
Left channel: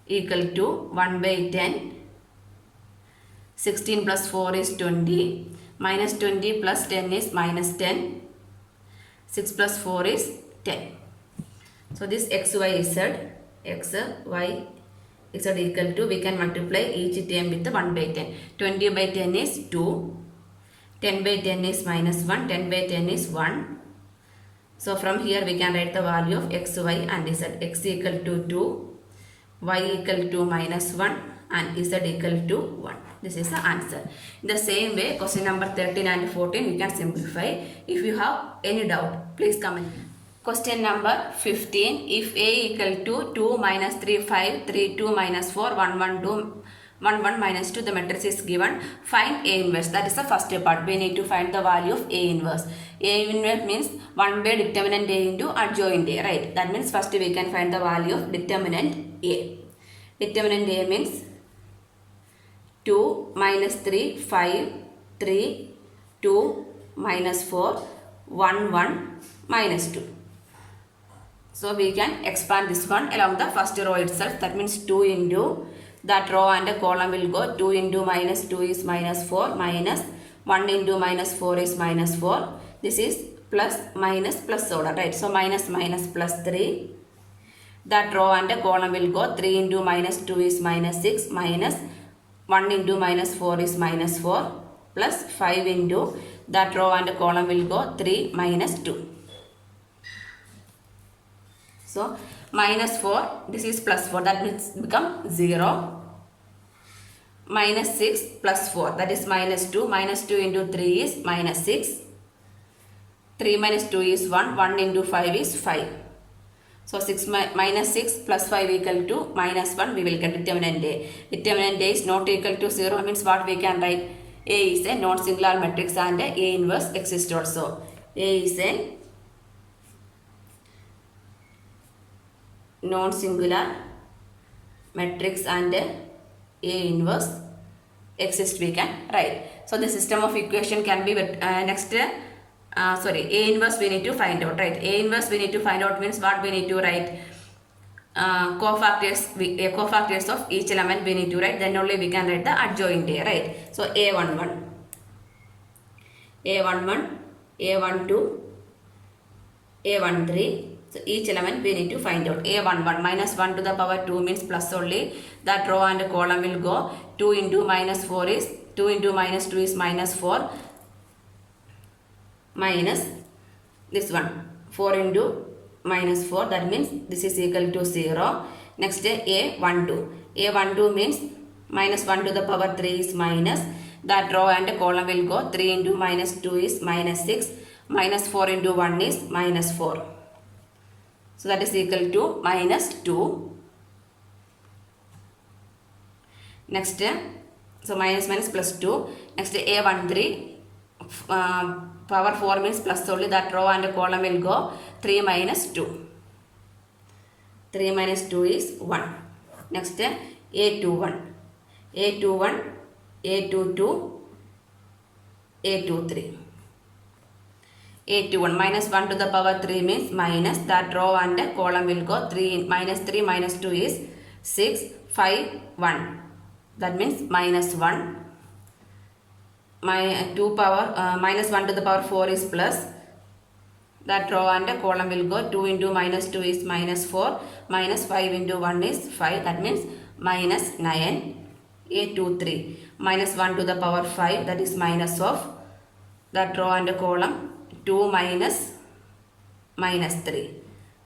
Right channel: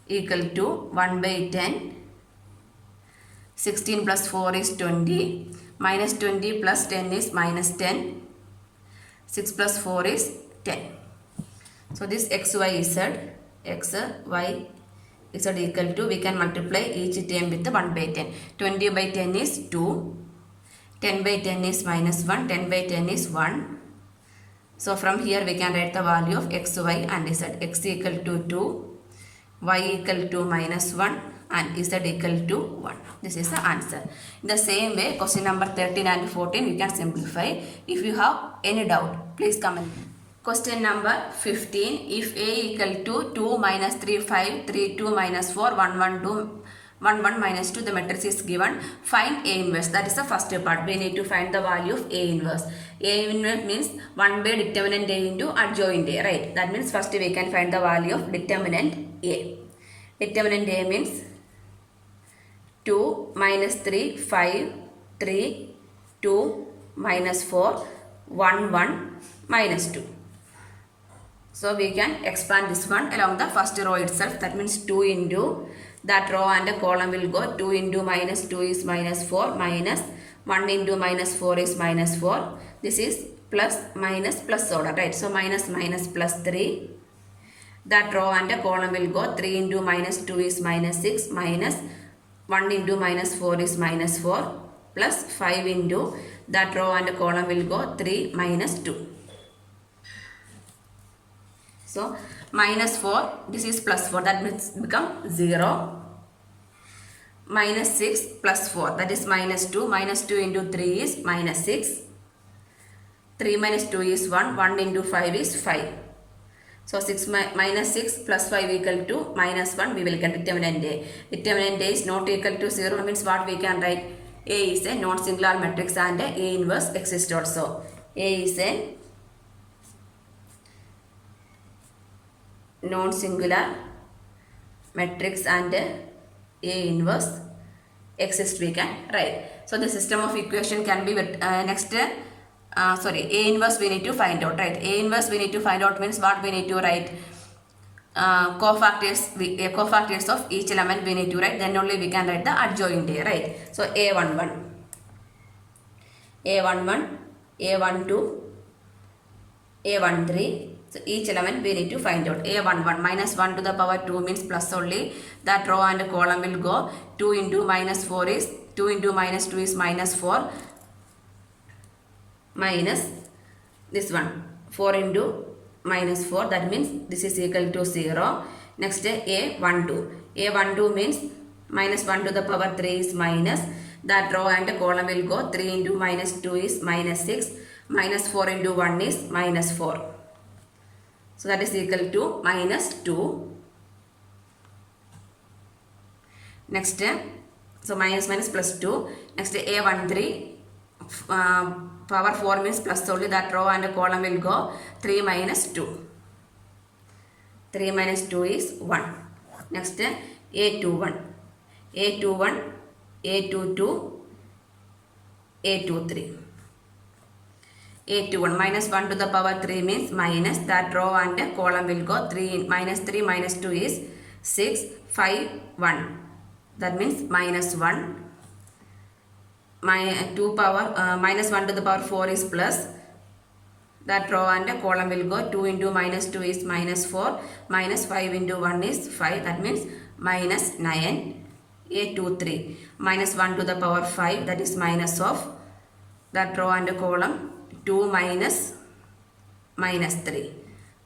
Equal to 1 by 10. 16 plus 4 is 20. Minus 20 plus 10 is minus 10. 6 plus 4 is 10. So this x, y, z equal to, we can multiply each term with the 1 by 10. 20 by 10 is 2. 10 by 10 is minus 1. 10 by 10 is 1. So from here we can write the value of x, y and z. X equal to 2, y equal to minus 1 and z equal to 1. This is the answer. In the same way, question number 13 and 14 we can simplify. If you have any doubt, please comment. Question number 15. If a equal to 2 minus 3, 5, 3, 2 minus 4, 1, 1, 2, 1, 1 minus 2, the matrix is given. Find A inverse. That is the first part. We need to find the value of A inverse. A inverse means 1 by determinant A into adjoint A, right? That means first we can find the value of determinant A. Determinant A means 2 minus 3, 5, 3, 2 minus 4, 1, 1 minus 2. So we can expand this one along the first row itself. That means 2 into that row and the column will go 2 into minus 2 is minus 4 minus 1 into minus 4 is minus 4. This is plus minus plus order, right? So minus minus plus 3. That row and the column will go 3 into minus 2 is minus 6 minus 1 into minus 4 is minus 4 plus 5 into that row and the column will go 3 minus 2. So minus 4, this is plus 4, that means become 0. Minus 6 plus 4, that is minus 2. Minus 2 into 3 is minus 6. 3 minus 2 is 1. 1 into 5 is 5. So minus 6 plus 5 equal to minus 1. We will get determinant A. Determinant A is not equal to 0. Means what we can write? A is a non-singular matrix and A inverse exists also. A is a non-singular matrix and A inverse exists we can write. So the system of equation can be next A inverse we need to find out, right? A inverse we need to find out means what we need to write? Cofactors of each element we need to write, then only we can write the adjoint A, right? So A11, A11, A12, A13. So each element we need to find out. A11 minus 1 to the power 2 means plus only. That row and column will go 2 into minus 4 is 2 into minus 2 is minus 4 minus this one 4 into minus 4, that means this is equal to 0. Next A12. A12 means minus 1 to the power 3 is minus. That row and column will go 3 into minus 2 is minus 6 minus 4 into 1 is minus 4. So that is equal to minus 2. Next, so minus minus plus 2. Next A13, power 4 means plus only. That row and column will go 3 minus 2. 3 minus 2 is 1. Next A21, A21, A22, A23. A21 minus 1 to the power 3 means minus. That row and column will go 3 minus 3 minus 2 is 6, 5, 1. That means minus 1. Minus 1 to the power 4 is plus. That row and column will go 2 into minus 2 is minus 4 minus 5 into 1 is 5. That means minus 9. A23 minus 1 to the power 5, that is minus of that row and column 2 minus minus 3.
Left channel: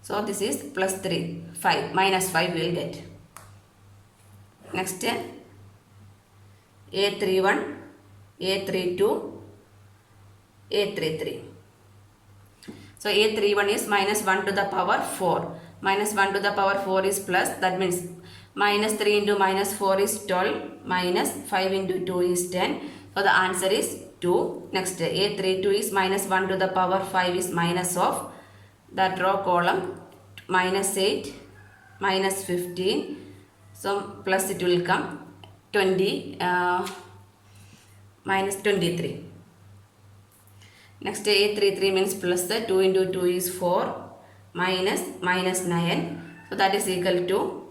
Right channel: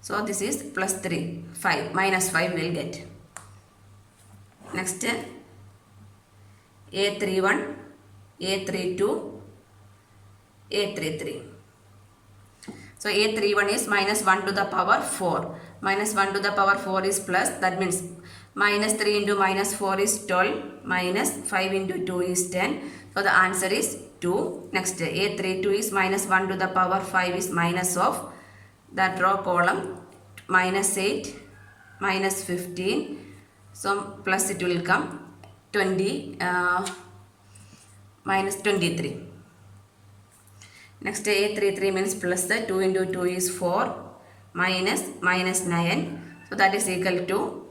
So this is plus 3, 5, minus 5 we will get. Next A31, A32, A33. So A31 is minus 1 to the power 4. Minus 1 to the power 4 is plus. That means minus 3 into minus 4 is 12. Minus 5 into 2 is 10. So the answer is 2. Next A32 is minus 1 to the power 5 is minus of that row column minus 8, minus 15. So plus it will come 20, minus 23. Next A33 means plus 2 into 2 is 4 minus minus 9. So that is equal to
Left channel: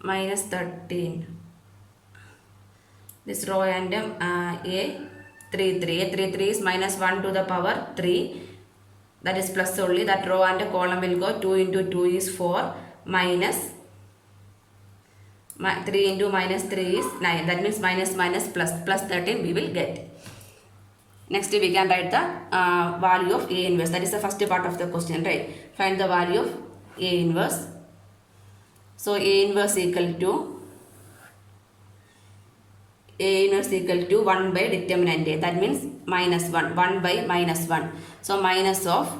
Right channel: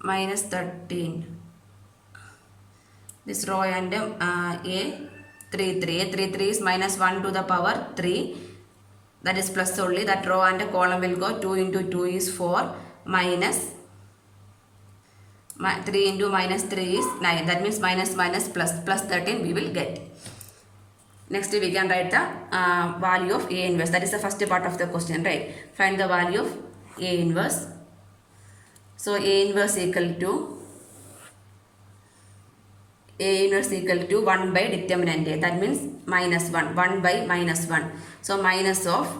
minus 13. This row and A33 is minus 1 to the power 3. That is plus only. That row and column will go 2 into 2 is 4 minus 3 into minus 3 is 9. That means minus minus plus 13 we will get. Next we can write the value of A inverse. That is the first part of the question, right? Find the value of A inverse. So A inverse equal to 1 by determinant A. That means minus 1. 1 by minus 1. So minus of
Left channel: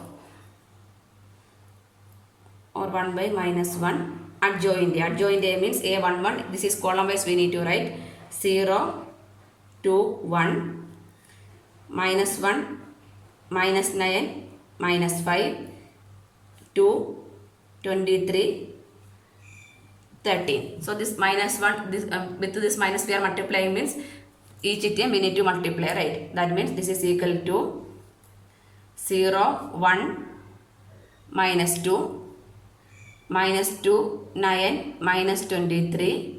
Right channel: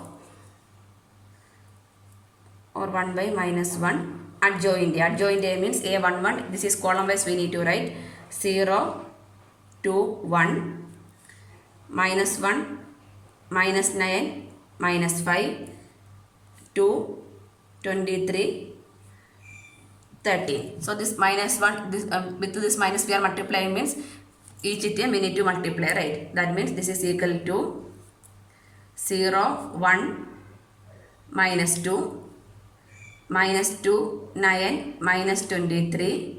or 1 by minus 1. Adjoint A. Adjoint A means A11. This is column wise we need to write 0 to 1. Minus 1, minus 9, minus 5, 2, 23, 13. So this minus 1, with this minus we are multiplying means each item we need to multiply, right? That means this is equal to 0, 1, minus 2, minus 2, 9, minus 23,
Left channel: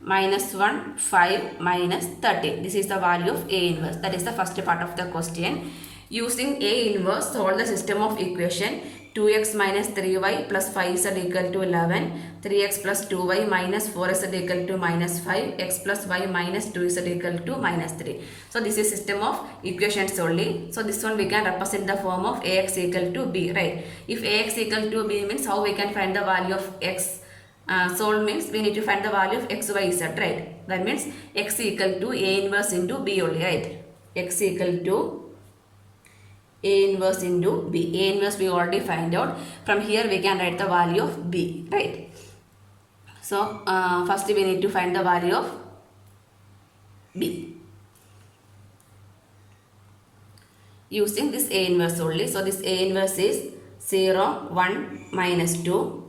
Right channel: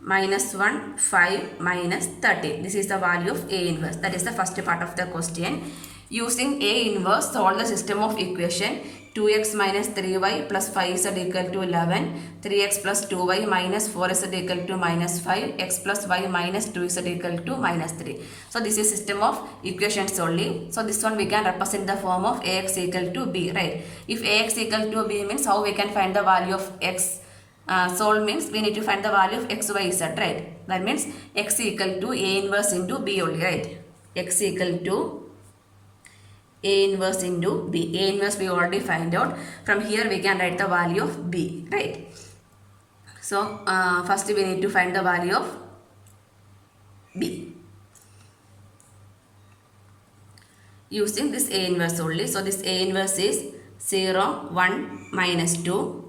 minus 1, 5, minus 13. This is the value of A inverse. That is the first part of the question. Using A inverse, solve the system of equation 2x minus 3y plus 5z equal to 11, 3x plus 2y minus 4z equal to minus 5, x plus y minus 2z equal to minus 3. So this is system of equations only. So this one we can represent the form of ax equal to b, right? If ax equal to b means how we can find the value of x. Solve means we need to find the value of x, y, z, right? That means x equal to A inverse into b only, right? X equal to A inverse into b. A inverse we already find out. From here we can write the value of b, right? So first we need to find the value of b using this A inverse only. So this A inverse is 0, 1, minus 2,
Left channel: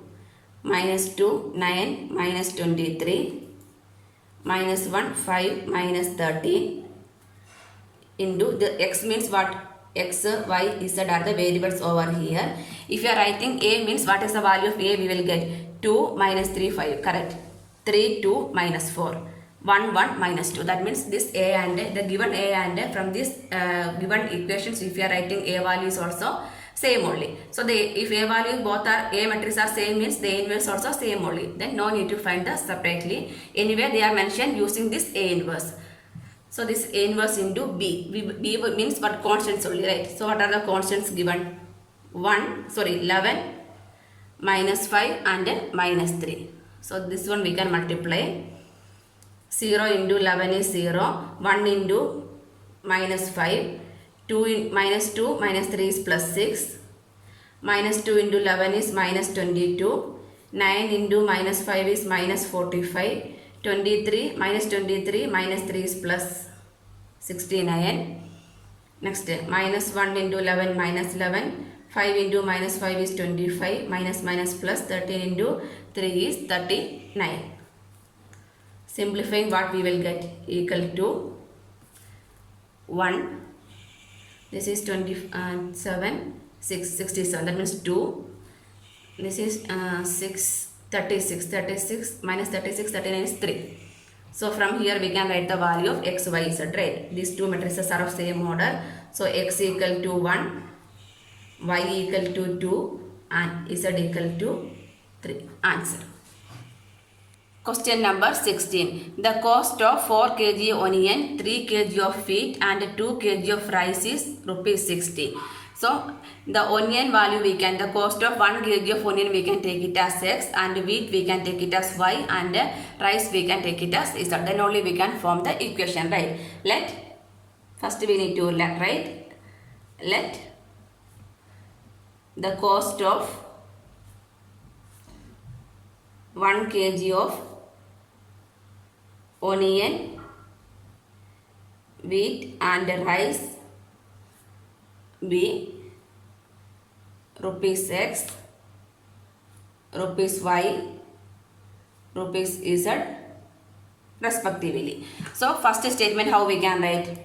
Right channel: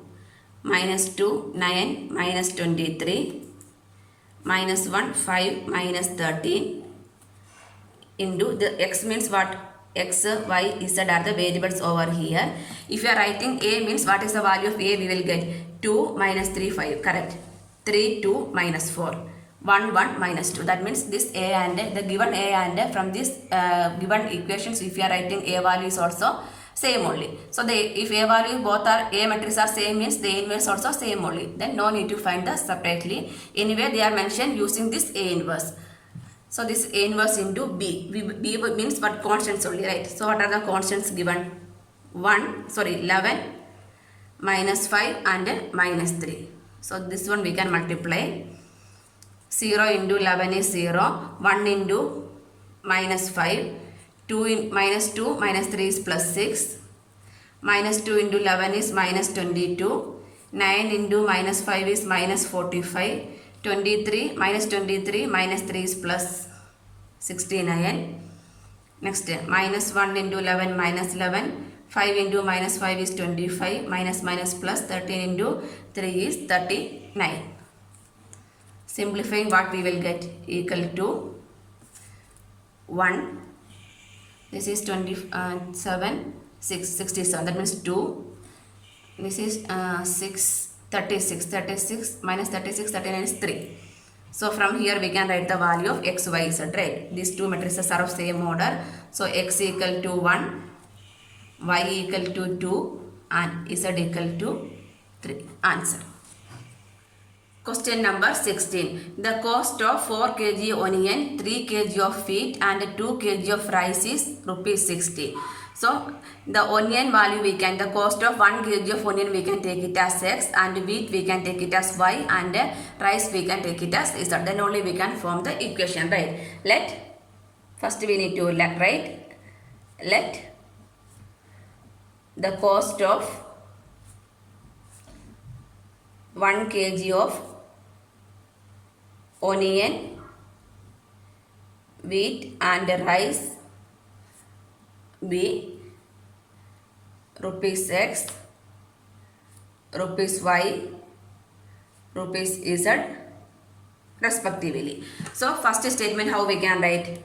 minus 2, 9, minus 23, minus 1, 5, minus 13 into the x means what? X, y, z are the variables over here. If you are writing A means what is the value of A we will get? 2, minus 3, 5. Correct. 3, 2, minus 4. 1, 1, minus 2. That means this A and A, the given A and A from this given equations if you are writing A value is also same only. So if A value both are A matrix are same means the A inverse also same only. Then no need to find the separately. Anyway they are mentioned using this A inverse. So this A inverse into B. B means what? Constants only, right? So what are the constants given? 11, minus 5 and minus 3. So this one we can multiply. 0 into 11 is 0. 1 into minus 5. 2 minus 2 minus 3 is plus 6. Minus 2 into 11 is minus 22. 9 into minus 5 is minus 45. 23 minus 23 minus 3 is plus 69. Next minus 1 into 11 minus 11. 5 into minus 5 is 25. Minus minus plus 13 into 3 is 39. Simplifying what we will get? Equal to 1. This is 27, 67. That means 2. This is 36 minus 36, 39 is 3. So from here we can write the value of x, y, z, right? These two matrices are of same order. So x equal to 1, y equal to 2 and z equal to 3. Answer. Question number 16. The cost of 4 kg onion, 3 kg of wheat and 2 kg of rice is rupees 60. So the onion value we can, the cost of 1 kg of onion we can take it as x and wheat we can take it as y and rice we can take it as z. Then only we can form the equation, right? First we need to write let the cost of 1 kg of onion, wheat and rice be rupees x, rupees y, rupees z respectively. So first statement how we can write?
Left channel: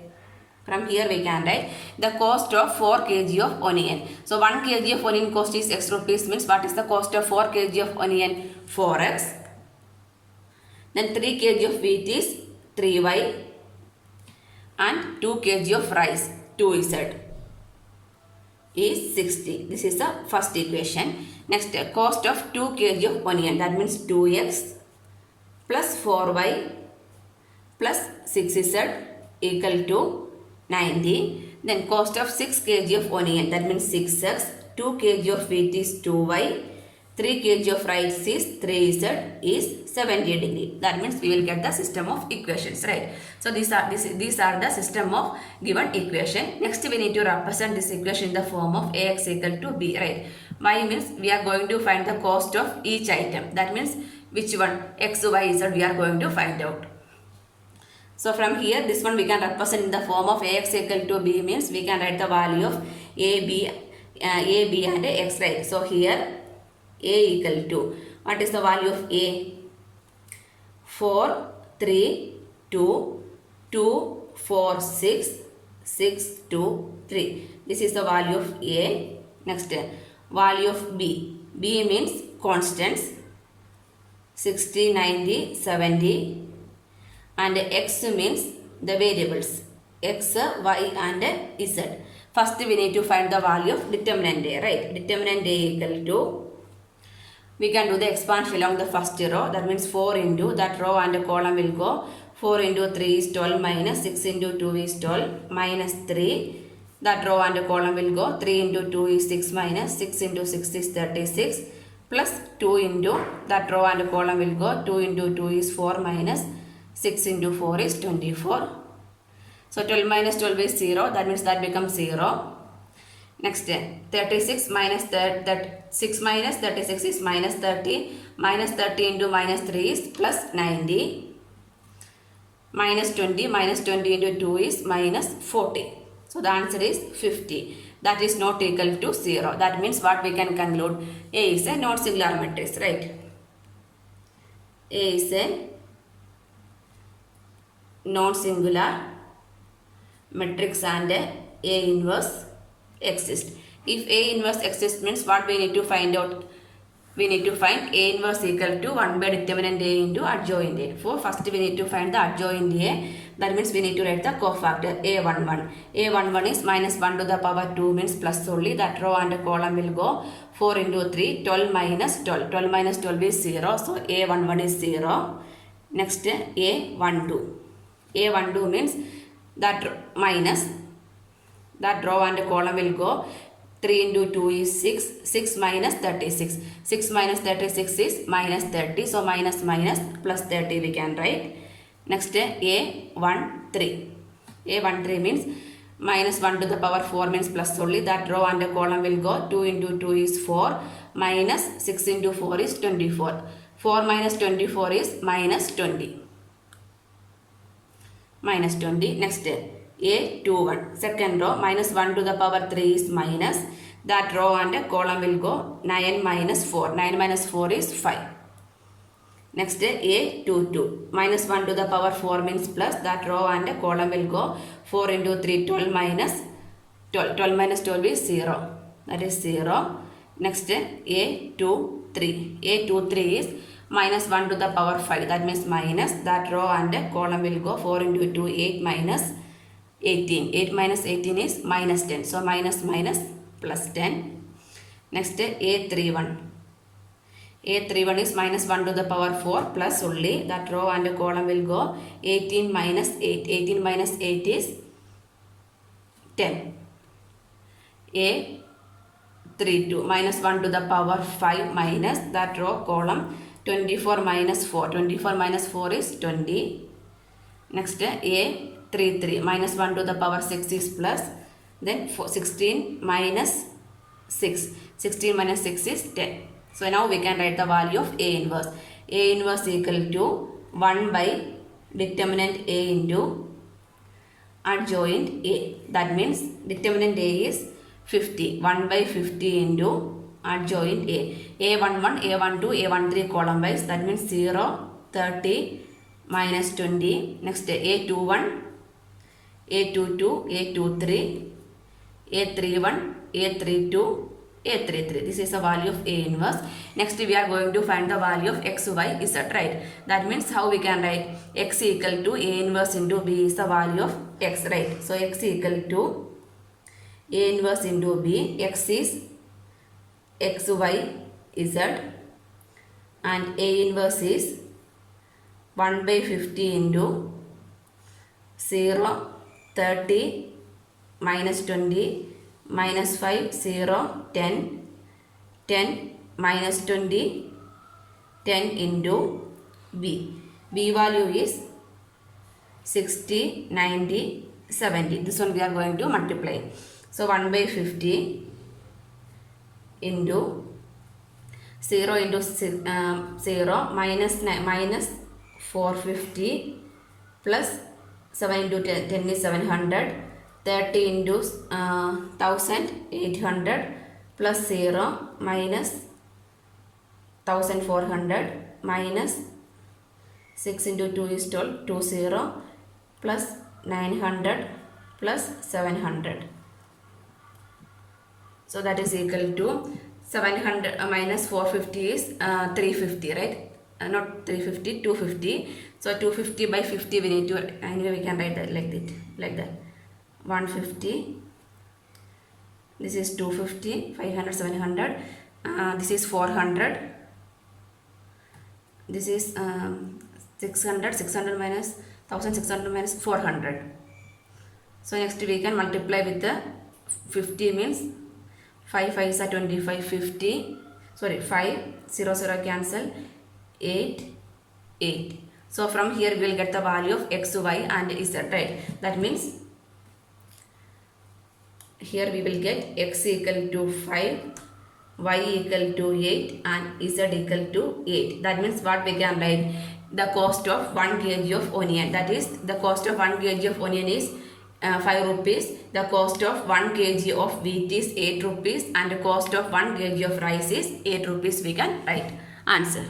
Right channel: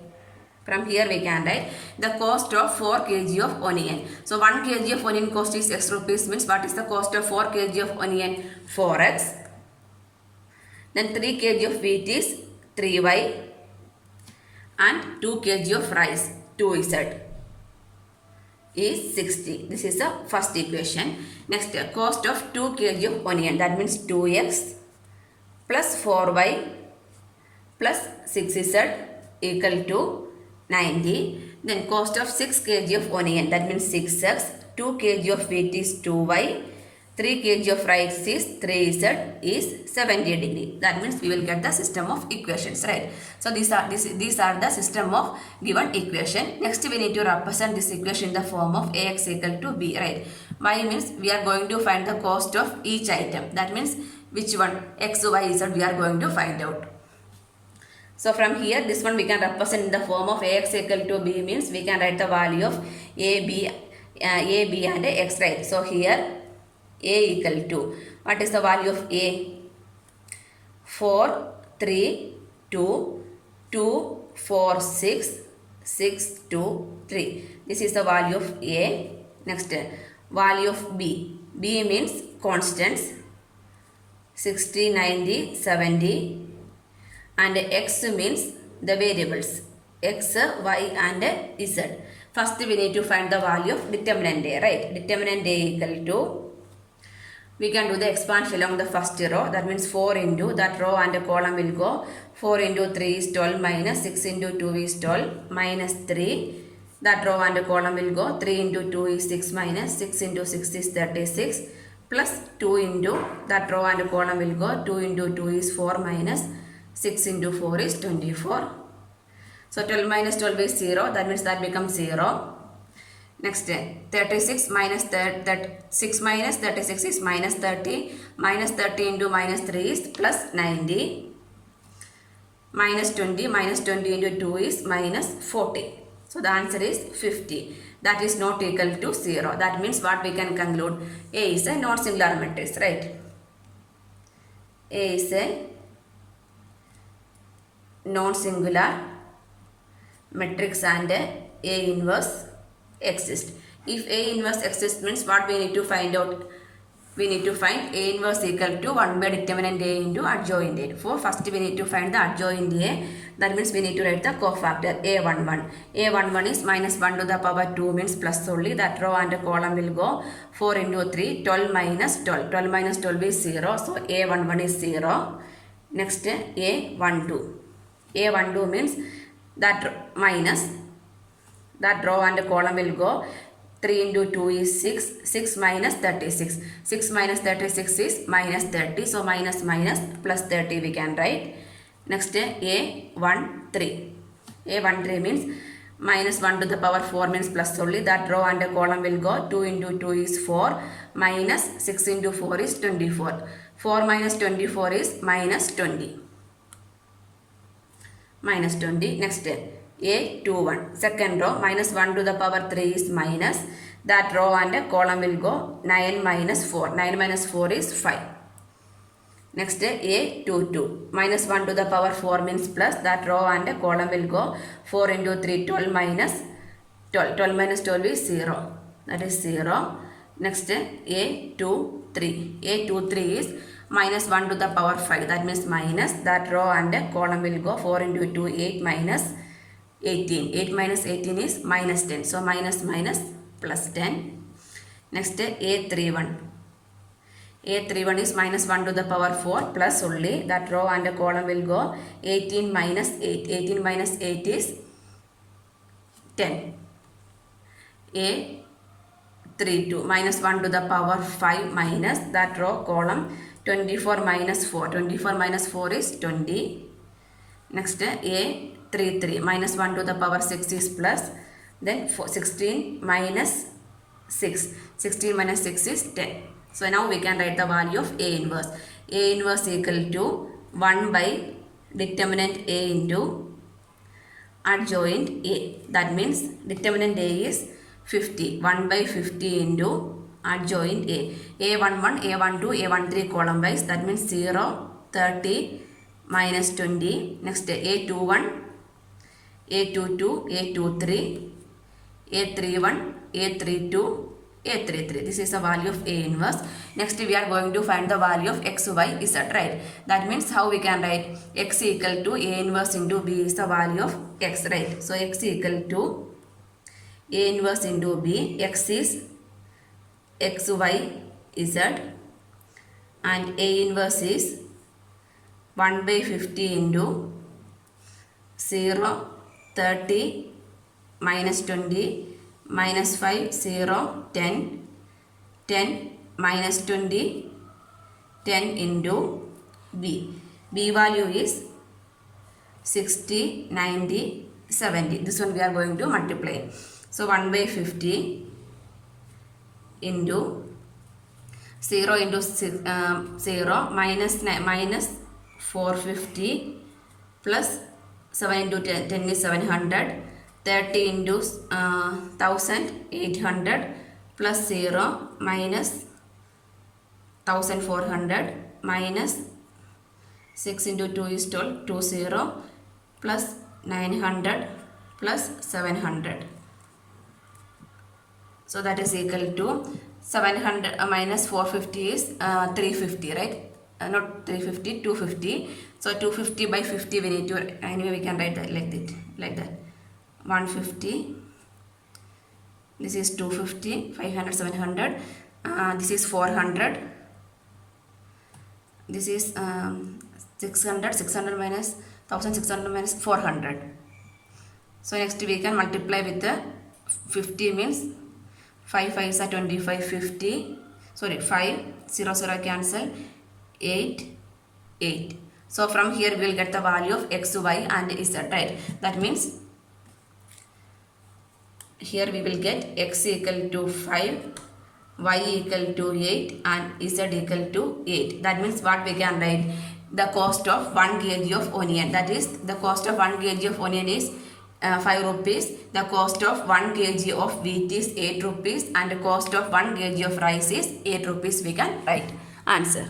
From here we can write the cost of 4 kg of onion. So 1 kg of onion cost is x rupees means what is the cost of 4 kg of onion? 4x. Then 3 kg of wheat is 3y and 2 kg of rice 2z is 60. This is the first equation. Next cost of 2 kg of onion, that means 2x plus 4y plus 6z equal to 90. Then cost of 6 kg of onion, that means 6x, 2 kg of wheat is 2y, 3 kg of rice is 3z is 70 degree. That means we will get the system of equations, right? So these are the system of given equation. Next we need to represent this equation in the form of ax equal to b, right? Y means we are going to find the cost of each item. That means which one x, y, z we are going to find out. So from here this one we can represent in the form of ax equal to b, means we can write the value of a, b and x, right? So here a equal to, what is the value of a? 4, 3, 2, 2, 4, 6, 6, 2, 3. This is the value of a. Next value of b. B means constants, 60, 90, 70. And x means the variables x, y and z. First we need to find the value of determinant a, right? Determinant a equal to, we can do the expansion along the first row. That means 4 into that row and the column will go 4 into 3 is 12 minus 6 into 2 is 12 minus 3. That row and the column will go 3 into 2 is 6 minus 6 into 6 is 36 plus 2 into that row and the column will go 2 into 2 is 4 minus 6 into 4 is 24. So 12 minus 12 is 0. That means that becomes 0. Next 36 minus 6 minus 36 is minus 30. Minus 30 into minus 3 is plus 90. Minus 20. Minus 20 into 2 is minus 40. So the answer is 50. That is not equal to 0. That means what we can conclude? A is a non-singular matrix, right? A is a non-singular matrix and A inverse exists. If A inverse exists means what we need to find out? We need to find A inverse equal to 1 by determinant A into adjoint A. For first we need to find the adjoint A. That means we need to write the cofactor A11. A11 is minus 1 to the power 2 means plus only. That row and column will go 4 into 3, 12 minus 12. 12 minus 12 is 0. So A11 is 0. Next A12. A12 means that minus that row and column will go 3 into 2 is 6, 6 minus 36. 6 minus 36 is minus 30. So minus minus plus 30 we can write. Next A13. A13 means minus 1 to the power 4 means plus only. That row and column will go 2 into 2 is 4 minus 6 into 4 is 24. 4 minus 24 is minus 20. Minus 20. Next A21. Second row minus 1 to the power 3 is minus. That row and column will go 9 minus 4. 9 minus 4 is 5. Next A22. Minus 1 to the power 4 means plus. That row and column will go 4 into 3, 12 minus 12. 12 minus 12 is 0. That is 0. Next A23. A23 is minus 1 to the power 5. That means minus. That row and column will go 4 into 2, 8 minus 18. 8 minus 18 is minus 10. So minus minus plus 10. Next A31. A31 is minus 1 to the power 4 plus only. That row and column will go 18 minus 8. 18 minus 8 is 10. A32 minus 1 to the power 5 minus that row column 24 minus 4. 24 minus 4 is 20. Next A33 minus 1 to the power 6 is plus. Then 16 minus 6. 16 minus 6 is 10. So now we can write the value of A inverse. A inverse equal to 1 by determinant A into adjoint A. That means determinant A is 50. 1 by 50 into adjoint A. A11, A12, A13 column wise. That means 0, 30, minus 20. Next A21, A22, A23, A31, A32, A33. This is the value of A inverse. Next we are going to find the value of x, y, z, right? That means how we can write x equal to A inverse into B is the value of x, right? So x equal to A inverse into B. X is x, y, z and A inverse is 1 by 50 into 0, 30, minus 20, minus 5, 0, 10, 10, minus 20, 10 into B. B value is 60, 90, 70. This one we are going to multiply. So 1 by 50 into 0 into 0 minus 450 plus 7 into 10 is 700, 30 into 1800 plus 0 minus 1400 minus 6 into 2 is 12, 20 plus 900 plus 700. So that is equal to 700 minus 450 is 350, right? Not 350, 250. So 250 by 50 we need to, anyway we can write that like that. 150. This is 250, 500, 700. This is 400. This is 600, 600 minus 1600 minus 400. So next we can multiply with the 50 means 5 5s are 25, 50. Sorry, 5, 0, 0 cancel, 8, 8. So from here we will get the value of x, y and z, right? That means here we will get x equal to 5, y equal to 8 and z equal to 8. That means what we can write? The cost of 1 kg of onion. That is, the cost of 1 kg of onion is 5 rupees. The cost of 1 kg of wheat is 8 rupees and the cost of 1 kg of rice is 8 rupees. We can write answer.